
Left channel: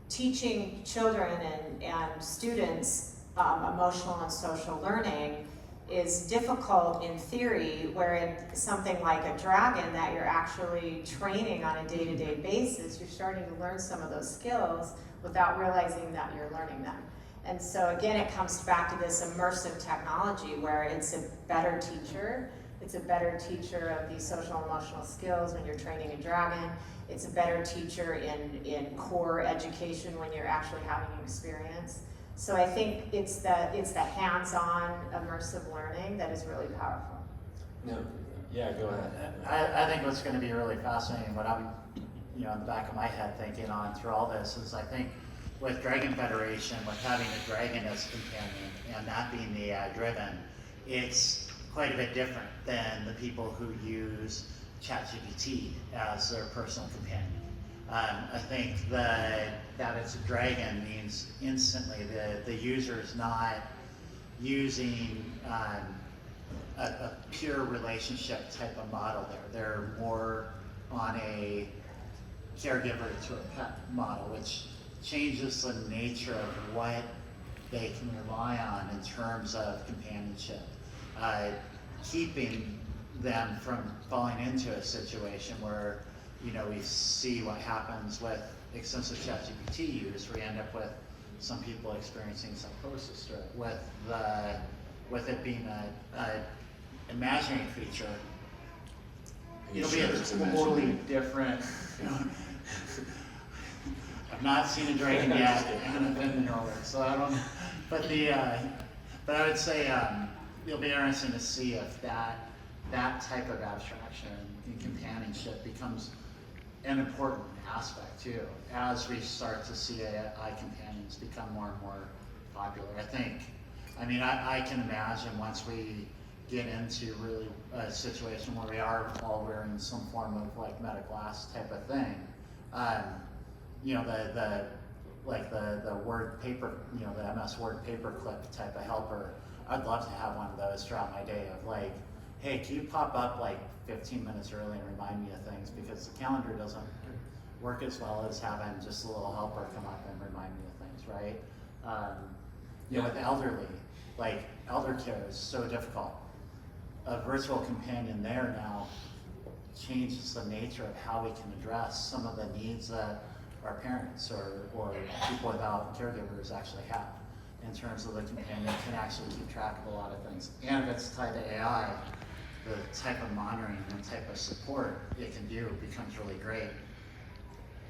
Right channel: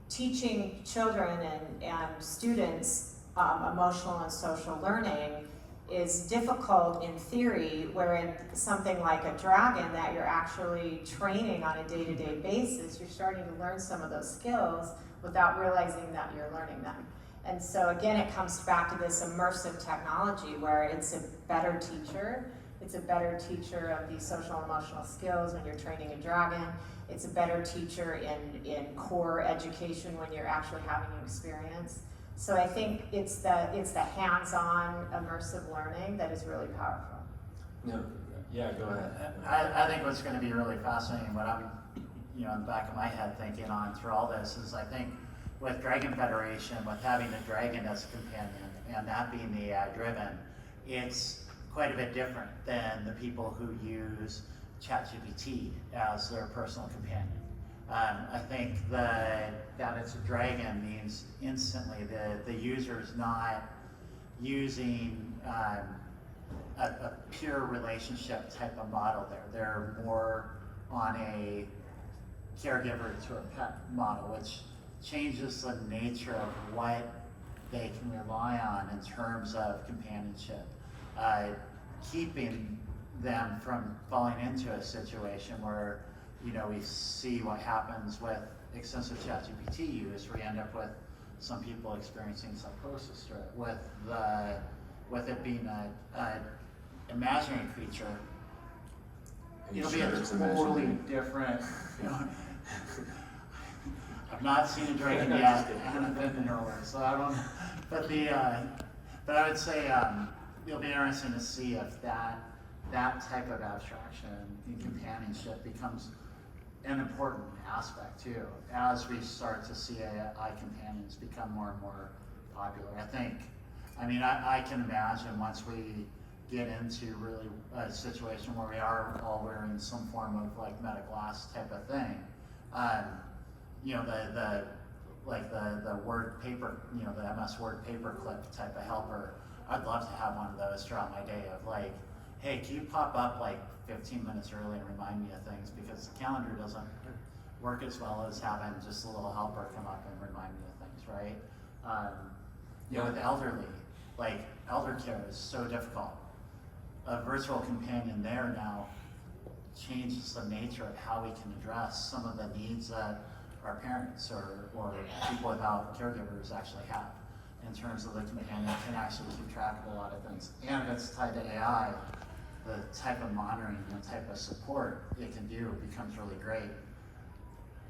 teaching children and students emotional and social learning is difficult in theory, where something like a dragon that you're actually training on a day-to-day basis, you're starting to learn some of those skills without realizing that you're learning them. And so again, it comes back to this immersive technology where it's a better teacher. It's a better teacher of these social and emotional skills when you're training a dragon. It's a better teacher in core education when you're actually having an experience. So I think it's the hands-on immersive learning that is really powerful. Yeah, go ahead. I think what's going to be really fascinating, what I'm, in the back of my head thinking on through all this, is I think with Dragon Federation, with having a dragon as a companion and that being the AI driven, it's quite a bit different than the people who use ChatGPT as their personal companion. I think that it's a dragon means instantly the user is not using a pure relationship type of model there. They're more on a caregiver to a pet model, which changes the nature of what they can rely on in terms of companionship, keeping them from falling into a situation where we see what happens with extensive ChatGPT use, where you end up with some people experiencing psychosis through it, with it being a imaginary creature. It'll be a totally different. I've not seen a dragon yet, and I've been to Norway, so I don't. But but I would say it'll be interesting to see if that type of abstraction and companionship becomes an important aspect too, as we start to see AI companions become more and more popular. I can imagine once we get into really a situation where we are all wearing some form of like meta glass type of thing, the word paper, the MS Word paperclip type of helper. I'd love to have one of those throughout my day of like, hey, can you pop up like 15 minutes early and remind me of things, because the calendar doesn't work as well as having just a little helper come up and remind me of things, right? With the elderly, like elder care is so difficult. A virtual companion there now changes the nature of how we can address some of the needs that our parents or people without caregivers actually have, in terms of the companion can actually keep track of a lot of things. And if it's tied to AI, the type of monitoring and the type of support it can do becomes really great.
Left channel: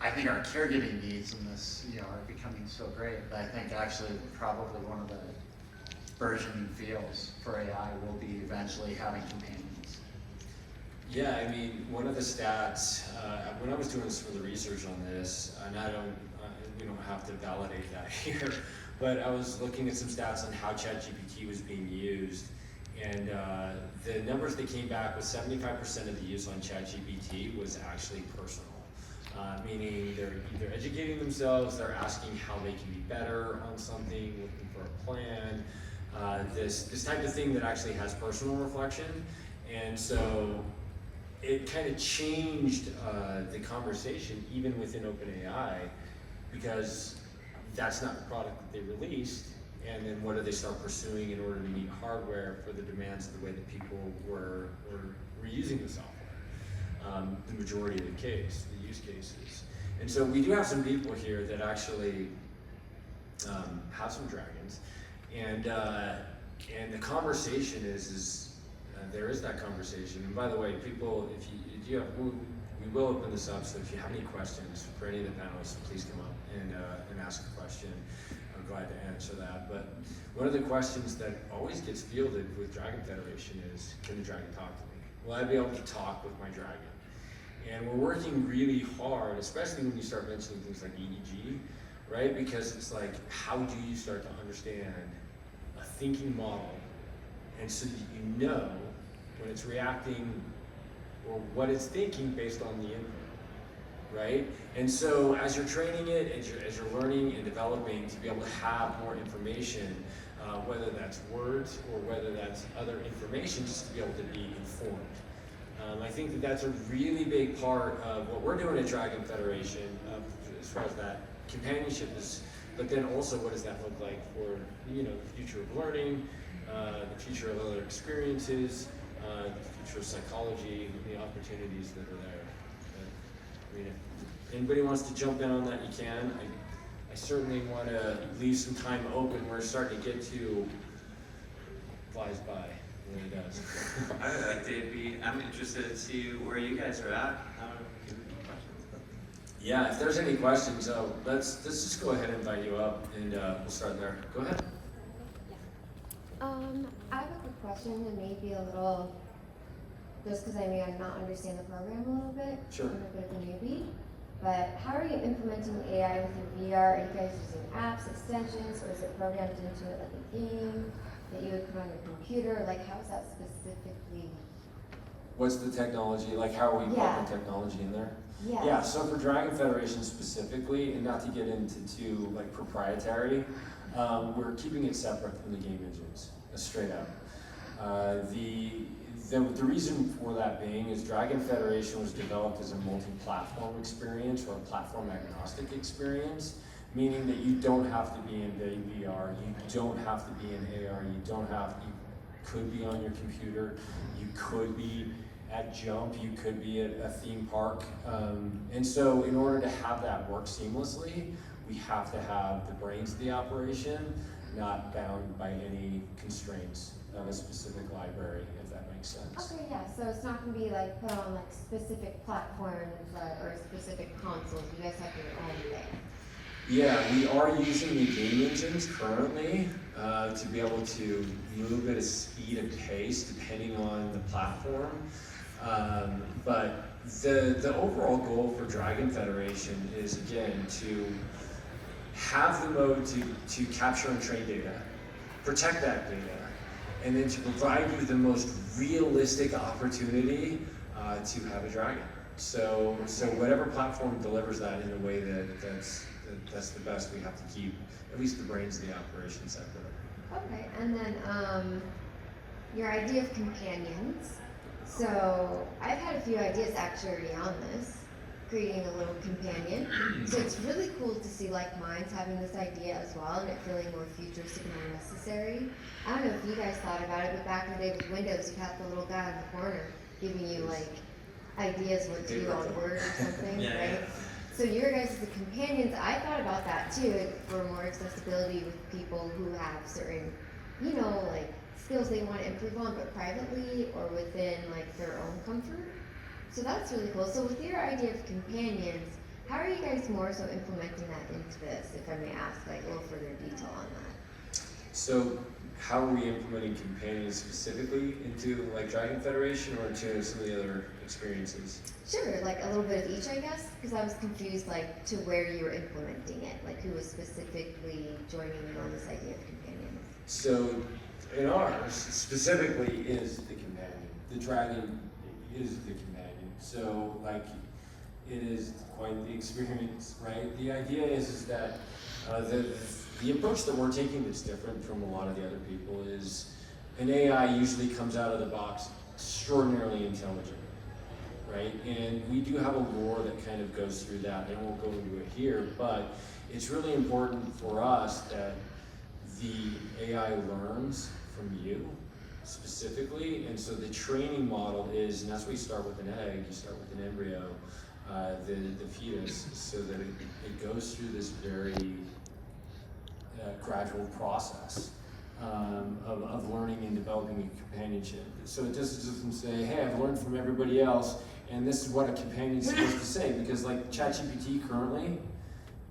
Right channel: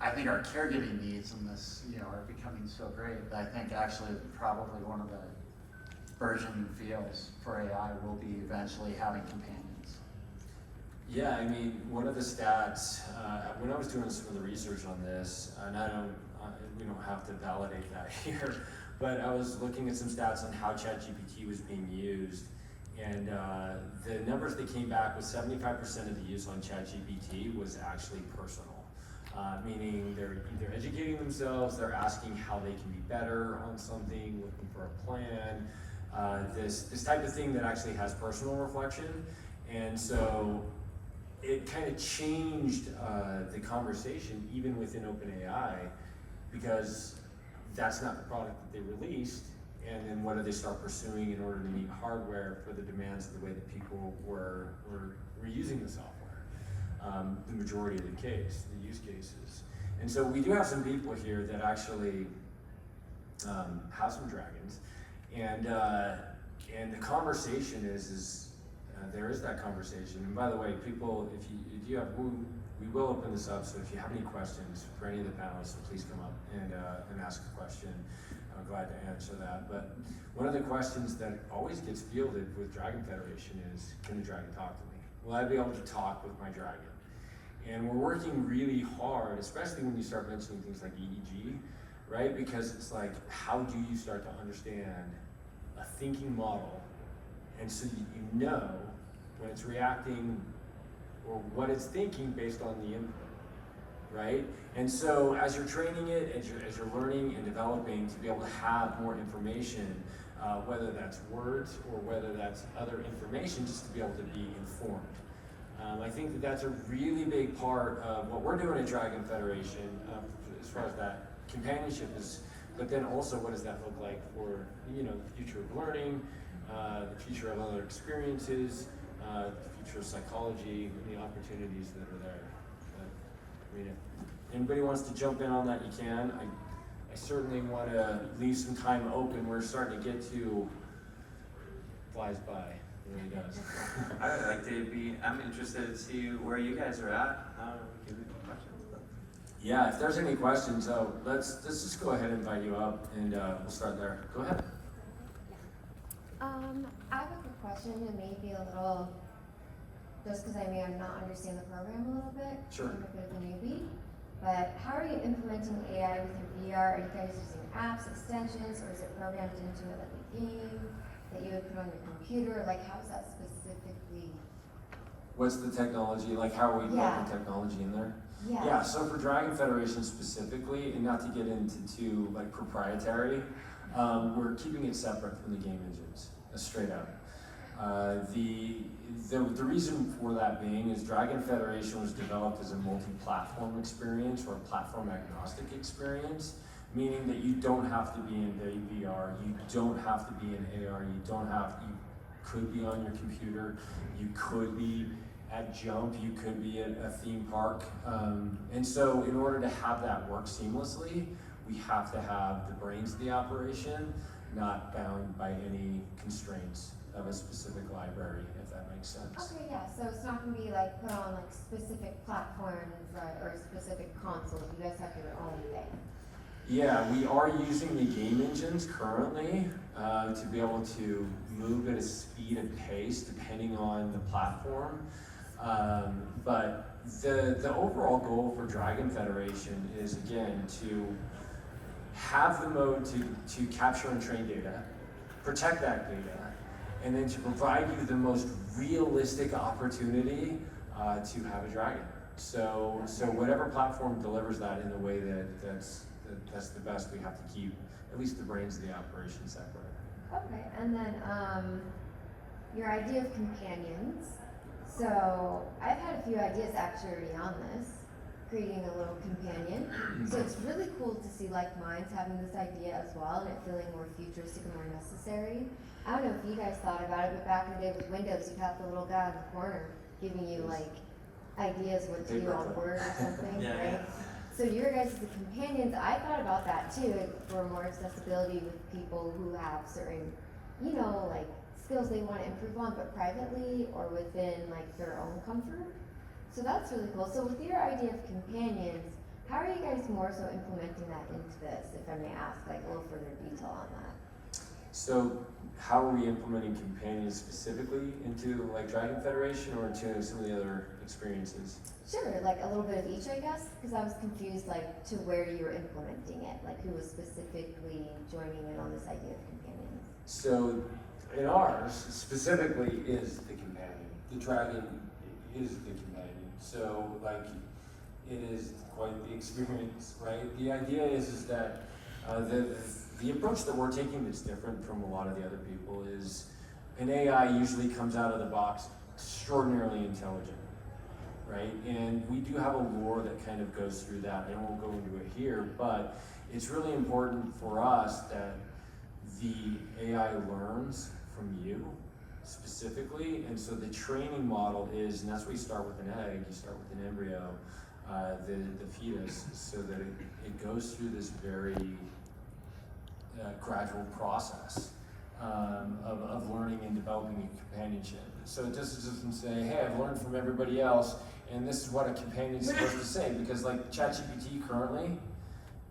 I think our caregiving needs in this, are becoming so great that I think actually probably one of the burgeoning fields for AI will be eventually having companions. Yeah, one of the stats, when I was doing some of the research on this, and we don't have to validate that here, but I was looking at some stats on how ChatGPT was being used, and the numbers that came back was 75% of the use on ChatGPT was actually personal. Meaning they're either educating themselves, they're asking how they can be better on something, looking for a plan, this type of thing that actually has personal reflection. And so it kind of changed the conversation even within OpenAI, because that's not the product that they released. And then what do they start pursuing in order to meet hardware for the demands of the way that people were using the software? The majority of the use cases. And so we do have some people here that actually have some dragons, and the conversation is there is that conversation. And by the way, people, if you have, we will open this up. So if you have any questions for any of the panelists, please come up and ask a question. I'm glad to answer that. But one of the questions that always gets fielded with Dragon Federation is, can the dragon talk to me? Will I be able to talk with my dragon? And we're working really hard, especially when you start mentioning things like EEG, right? Because it's like, how do you start to understand a thinking model, and so that you know when it's reacting or what it's thinking based on the input, right? And so as you're training it, as you're learning and developing to be able to have more information, whether that's words or whether that's other information, just to be able to be informed. I think that that's a really big part of what we're doing at Dragon Federation, as far as that companionship is, but then also what does that look like for, you know, the future of learning, the future of other experiences, the future of psychology, the opportunities that are there. But, I mean, if anybody wants to jump in on that, you can. I certainly want to leave some time open. We're starting to get to flies by. It really does. I would like to I'm interested to see where you guys are at. I don't know if you have any questions. But. Yeah, if there's any questions, let's just go ahead and invite you up, and we'll start there. Go ahead. I have a quick question, and maybe a little, just because I may not understand the program a little bit. Sure. I'm a bit of a newbie. But how are you implementing AI with your VR? Are you guys using apps, extensions, or is it programmed into it like a game that you would put on your computer? Like, how is that specifically? What's the technology? Like, how are we putting technology in there? Yeah. Yeah, so for Dragon Federation specifically, and not to get into too like proprietary, we're keeping it separate from the game engines, straight up. The reason for that being is Dragon Federation was developed as a multi-platform experience, or a platform agnostic experience, meaning that you don't have to be in VR, you don't have to be in AR, you could be on your computer, you could be at Jump, you could be at a theme park. And so in order to have that work seamlessly, we have to have the brains of the operation not bound by any constraints of a specific library, if that makes sense. Okay, yeah, so it's not going to be like put on like specific platforms or specific consoles. You guys have your own thing. Yeah, we are using the game engines currently to be able to move at a speed and pace depending on the platform. But the overall goal for Dragon Federation is, again, to have the mode to capture and train data, protect that data, and then to provide you the most realistic opportunity to have a dragon. So whatever platform delivers that in a way that's the best, we have to keep at least the brains of the operation separate. Okay, and then your idea of companions. So I've had a few ideas actually already on this, creating a little companion. So it's really cool to see like minds having this idea as well, and it feeling more futuristic and more necessary. I don't know if you guys thought about it, but back in the day with Windows, you had the little guy in the corner giving you like ideas what to do on Word or something, Yeah, right? yeah. So your guys as the companions, I thought about that too, for more accessibility with people who have certain, you know, like skills they want to improve on, but privately or within like their own comfort. So that's really cool. So with your idea of companions, how are you guys more so implementing that into this, if I may ask, like a little further detail on that? So how are we implementing companions specifically into like Dragon Federation or into some of the other experiences? Sure, like a little bit of each, I guess, because I was confused like to where you were implementing it, like who was specifically joining in on this idea of companions. So in ours specifically is the companion. The dragon is the companion. So like it is quite the experience, right? The idea is that the approach that we're taking that's different from a lot of the other people is an AI usually comes out of the box extraordinarily intelligent. right? And we do have a lore that kind of goes through that. I won't go into it here, but it's really important for us that the AI learns from you specifically, and so the training model is, and that's why you start with an egg, you start with an embryo, the fetus, so that it goes through this very gradual process of learning and developing a companionship. So it just doesn't say, hey, I've learned from everybody else, and this is what a companion's supposed to say, because like ChatGPT currently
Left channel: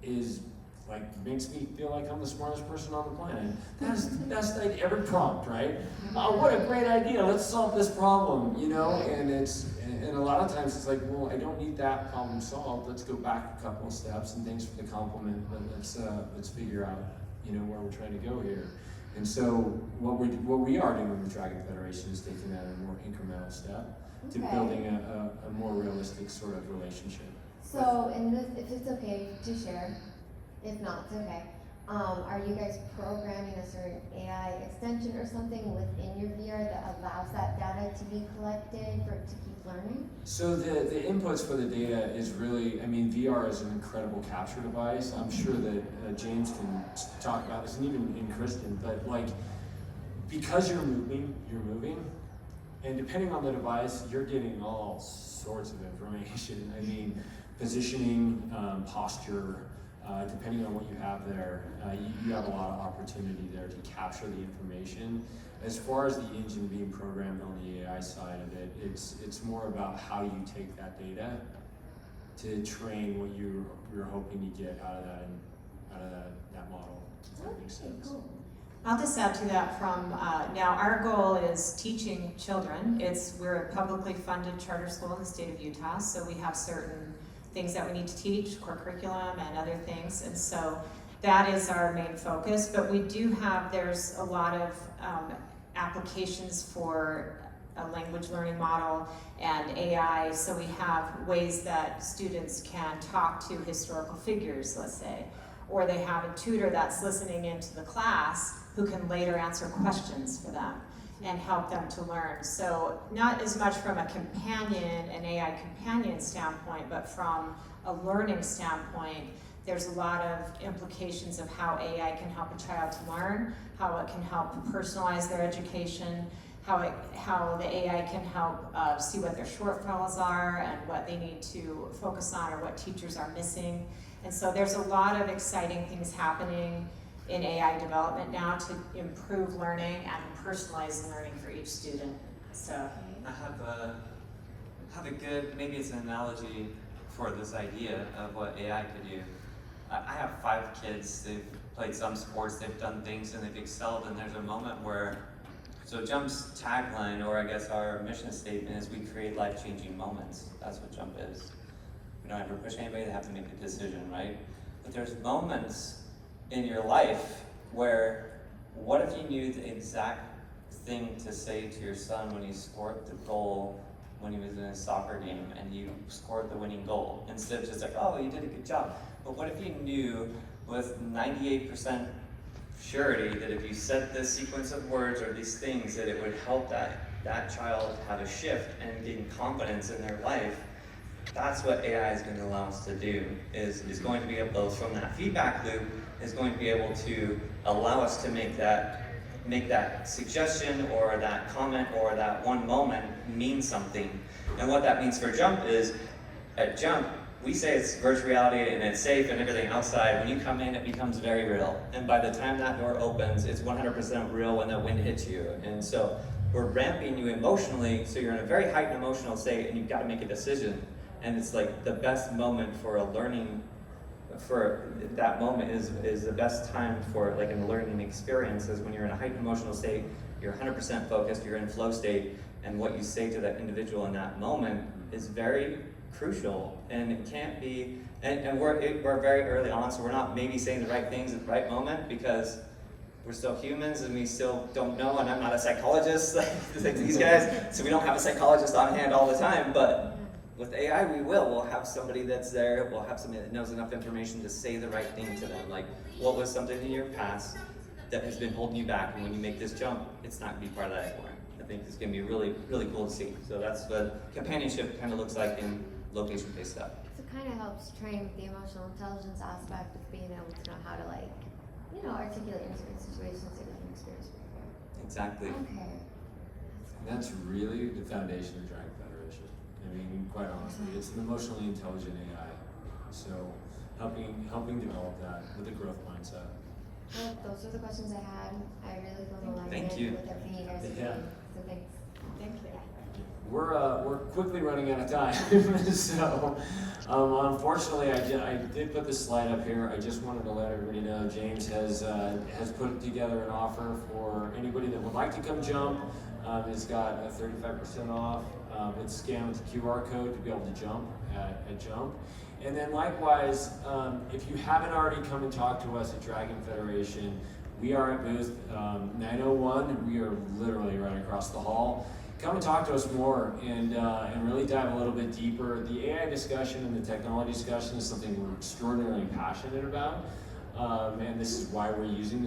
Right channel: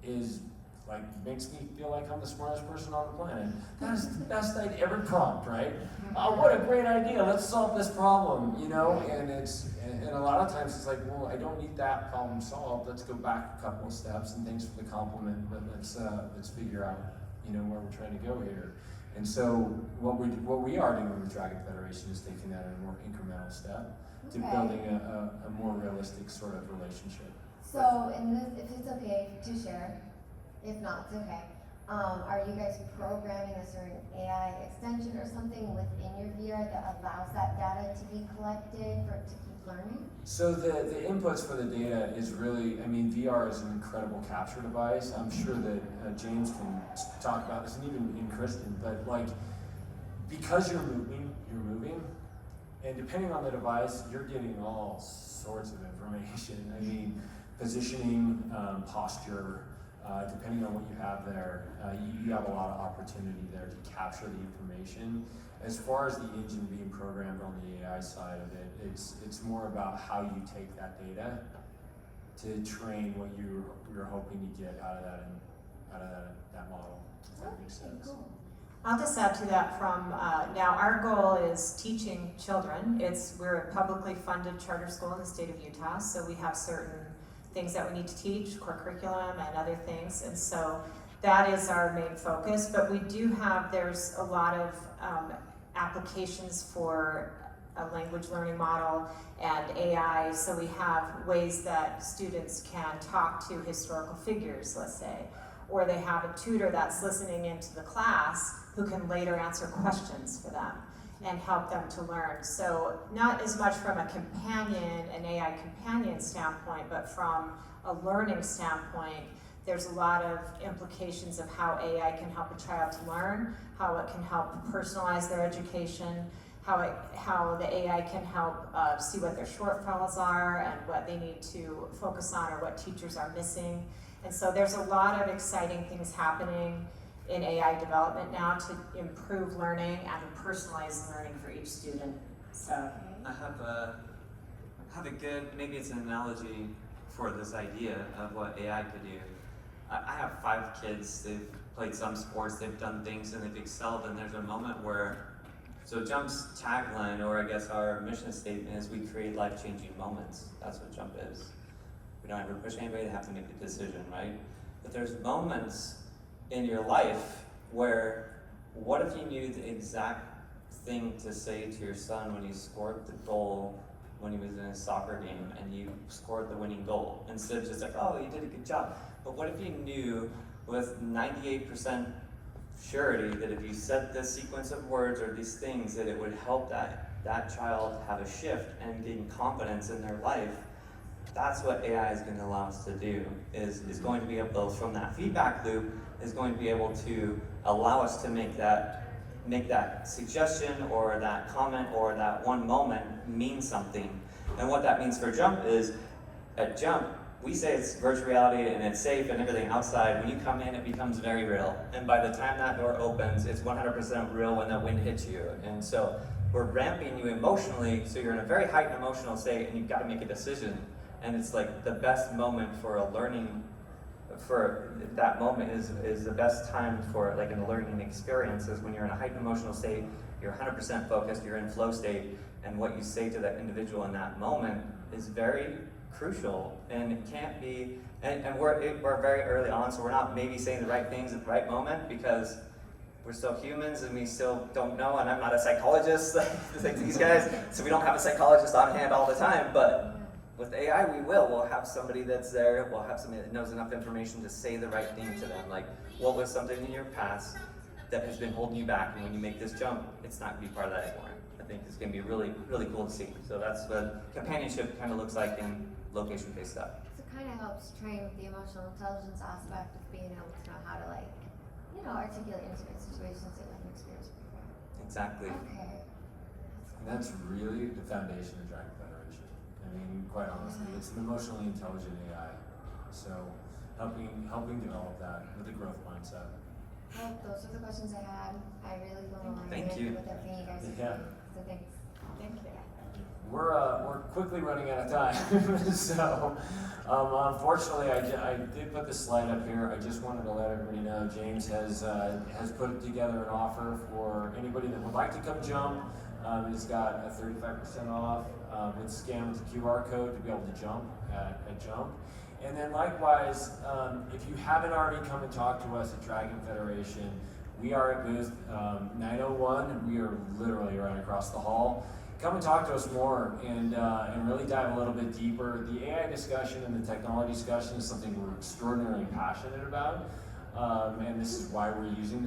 is like, makes me feel like I'm the smartest person on the planet. That is the best idea, every prompt, right? Oh, what a great idea, let's solve this problem, you know? And and a lot of times it's like, well, I don't need that problem solved, let's go back a couple of steps, and thanks for the compliment, but let's figure out, you know, where we're trying to go here. And so what we are doing with Dragon Federation is taking that a more incremental step to building a more realistic sort of relationship. So, if it's okay to share, if not, it's okay. Are you guys programming a certain AI extension or something within your VR that allows that data to be collected for it to keep learning? So the inputs for the data is really, I mean, VR is an incredible capture device. I'm sure that James can talk about this, and even Kristen, but like, because you're moving, and depending on the device, you're getting all sorts of information. I mean, positioning, posture, depending on what you have there, you have a lot of opportunity there to capture the information. As far as the engine being programmed on the AI side of it, it's more about how you take that data to train what you're hoping to get out of that model. If that makes sense. Cool. I'll just add to that from, now our goal is teaching children. We're a publicly funded charter school in the state of Utah, so we have certain things that we need to teach, core curriculum and other things, and so that is our main focus. But we do have, there's a lot of applications for a language learning model and AI, so we have ways that students can talk to historical figures, let's say, or they have a tutor that's listening into the class who can later answer questions for them and help them to learn. So not as much from an AI companion standpoint, but from a learning standpoint, there's a lot of implications of how AI can help a child to learn, how it can help personalize their education, how the AI can help see what their shortfalls are and what they need to focus on or what teachers are missing. And so there's a lot of exciting things happening in AI development now to improve learning and personalize learning for each student. So I have a good, maybe it's an analogy for this idea of what AI could do. I have 5 kids, they've played some sports, they've done things and they've excelled, and there's a moment where, so Jump's tagline, or I guess our mission statement, is we create life-changing moments. That's what Jump is. We don't ever push anybody to have to make a decision, right? But there's moments in your life where, what if you knew the exact thing to say to your son when he scored the goal when he was in a soccer game and you scored the winning goal, instead of just like, oh, you did a good job. But what if you knew with 98% surety that if you said this sequence of words or these things, that it would help that child have a shift and gain confidence in their life? That's what AI is going to allow us to do, is going to be able to, from that feedback loop, is going to be able to allow us to make that suggestion or that comment or that one moment mean something. And what that means for Jump is, at Jump, we say it's virtual reality and it's safe and everything outside. When you come in, it becomes very real. And by the time that door opens, it's 100% real when that wind hits you. And so we're ramping you emotionally, so you're in a very heightened emotional state and you've got to make a decision. And it's like the best moment for a learning, for that moment is the best time for like a learning experience, is when you're in a heightened emotional state, you're 100% focused, you're in flow state, and what you say to that individual in that moment is very crucial. And it can't be, and we're very early on, so we're not maybe saying the right things at the right moment because we're still humans and we still don't know, and I'm not a psychologist like these guys, so we don't have a psychologist on hand all the time, but with AI, we'll have somebody that's there, we'll have somebody that knows enough information to say the right thing to them. Like, what was something in your past that has been holding you back, and when you make this jump, it's not gonna be part of that anymore. think is going to be really, really cool to see. So that's what companionship kind of looks like in location-based stuff. So it kind of helps train with the emotional intelligence aspect of being able to know how to articulate in certain situations that you haven't experienced before. Exactly. Okay. And that's really the foundation of Dragon Federation. I mean, quite honestly, it's an emotionally intelligent AI. So helping develop that with a growth mindset. Well, those are the questions I had. I really feel aligned Thank you. with everything you guys are Yeah. doing. So thanks. Thank you. We're quickly running out of time, so unfortunately I did put this slide up here. I just wanted to let everybody know James has put together an offer for anybody that would like to come jump. It's got a 35% off. It's scanned with the QR code to be able to jump at jump. And then likewise, if you haven't already come and talked to us at Dragon Federation, we are at booth 901, and we are literally right across the hall. Come and talk to us more and really dive a little bit deeper. The AI discussion and the technology discussion is something we're extraordinarily passionate about. And this is why we're using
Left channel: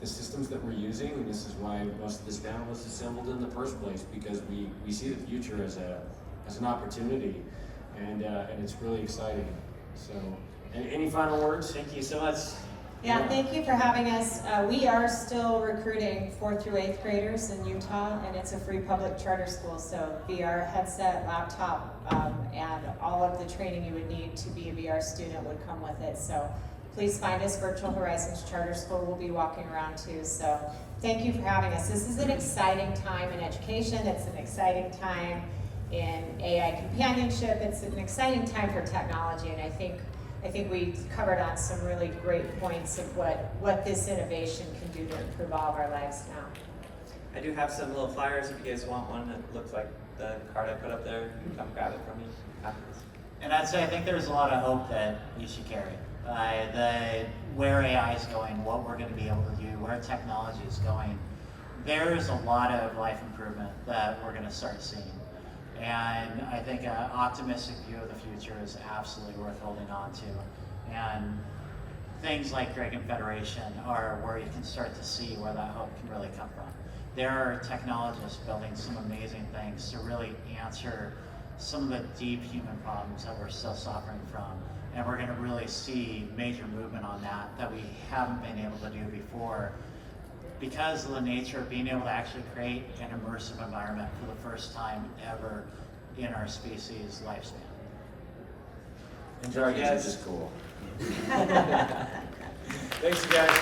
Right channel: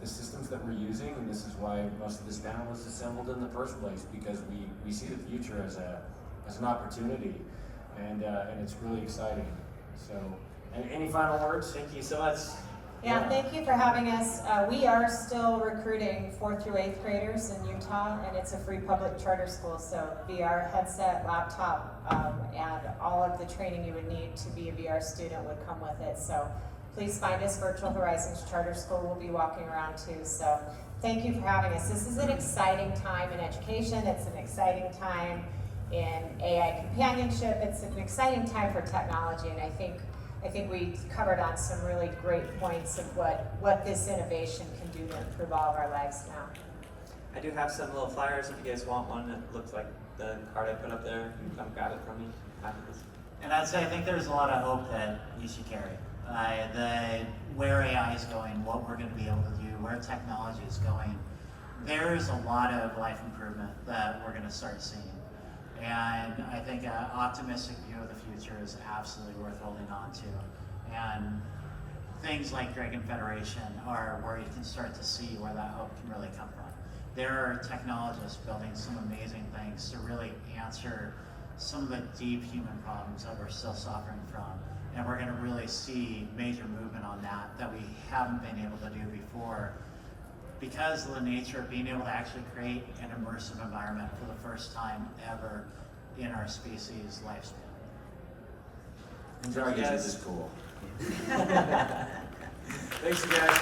the systems that we're using, and this is why most of this panel was assembled in the first place, because we see the future as an opportunity, and it's really exciting. So, any final words? Thank you so much. Yeah, thank you for having us. We are still recruiting 4th through 8th graders in Utah, and it's a free public charter school, so VR headset, laptop, and all of the training you would need to be a VR student would come with it. So please find us, Virtual Horizons Charter School. We'll be walking around too. So thank you for having us. This is an exciting time in education. It's an exciting time in AI companionship. It's an exciting time for technology, and I think we covered on some really great points of what this innovation can do to improve all of our lives now. I do have some little flyers if you guys want one that looks like the card I put up there. You can come grab it from me after this. And I'd say I think there's a lot of hope that we should carry. Where AI is going, what we're going to be able to do, where technology is going, there's a lot of life improvement that we're going to start seeing. And I think an optimistic view of the future is absolutely worth holding on to. And things like Dragon Federation are where you can start to see where that hope can really come from. There are technologists building some amazing things to really answer some of the deep human problems that we're still suffering from. And we're going to really see major movement on that we haven't been able to do before, because of the nature of being able to actually create an immersive environment for the first time ever in our species' lifespan. And dragons are just cool. Thanks, you guys.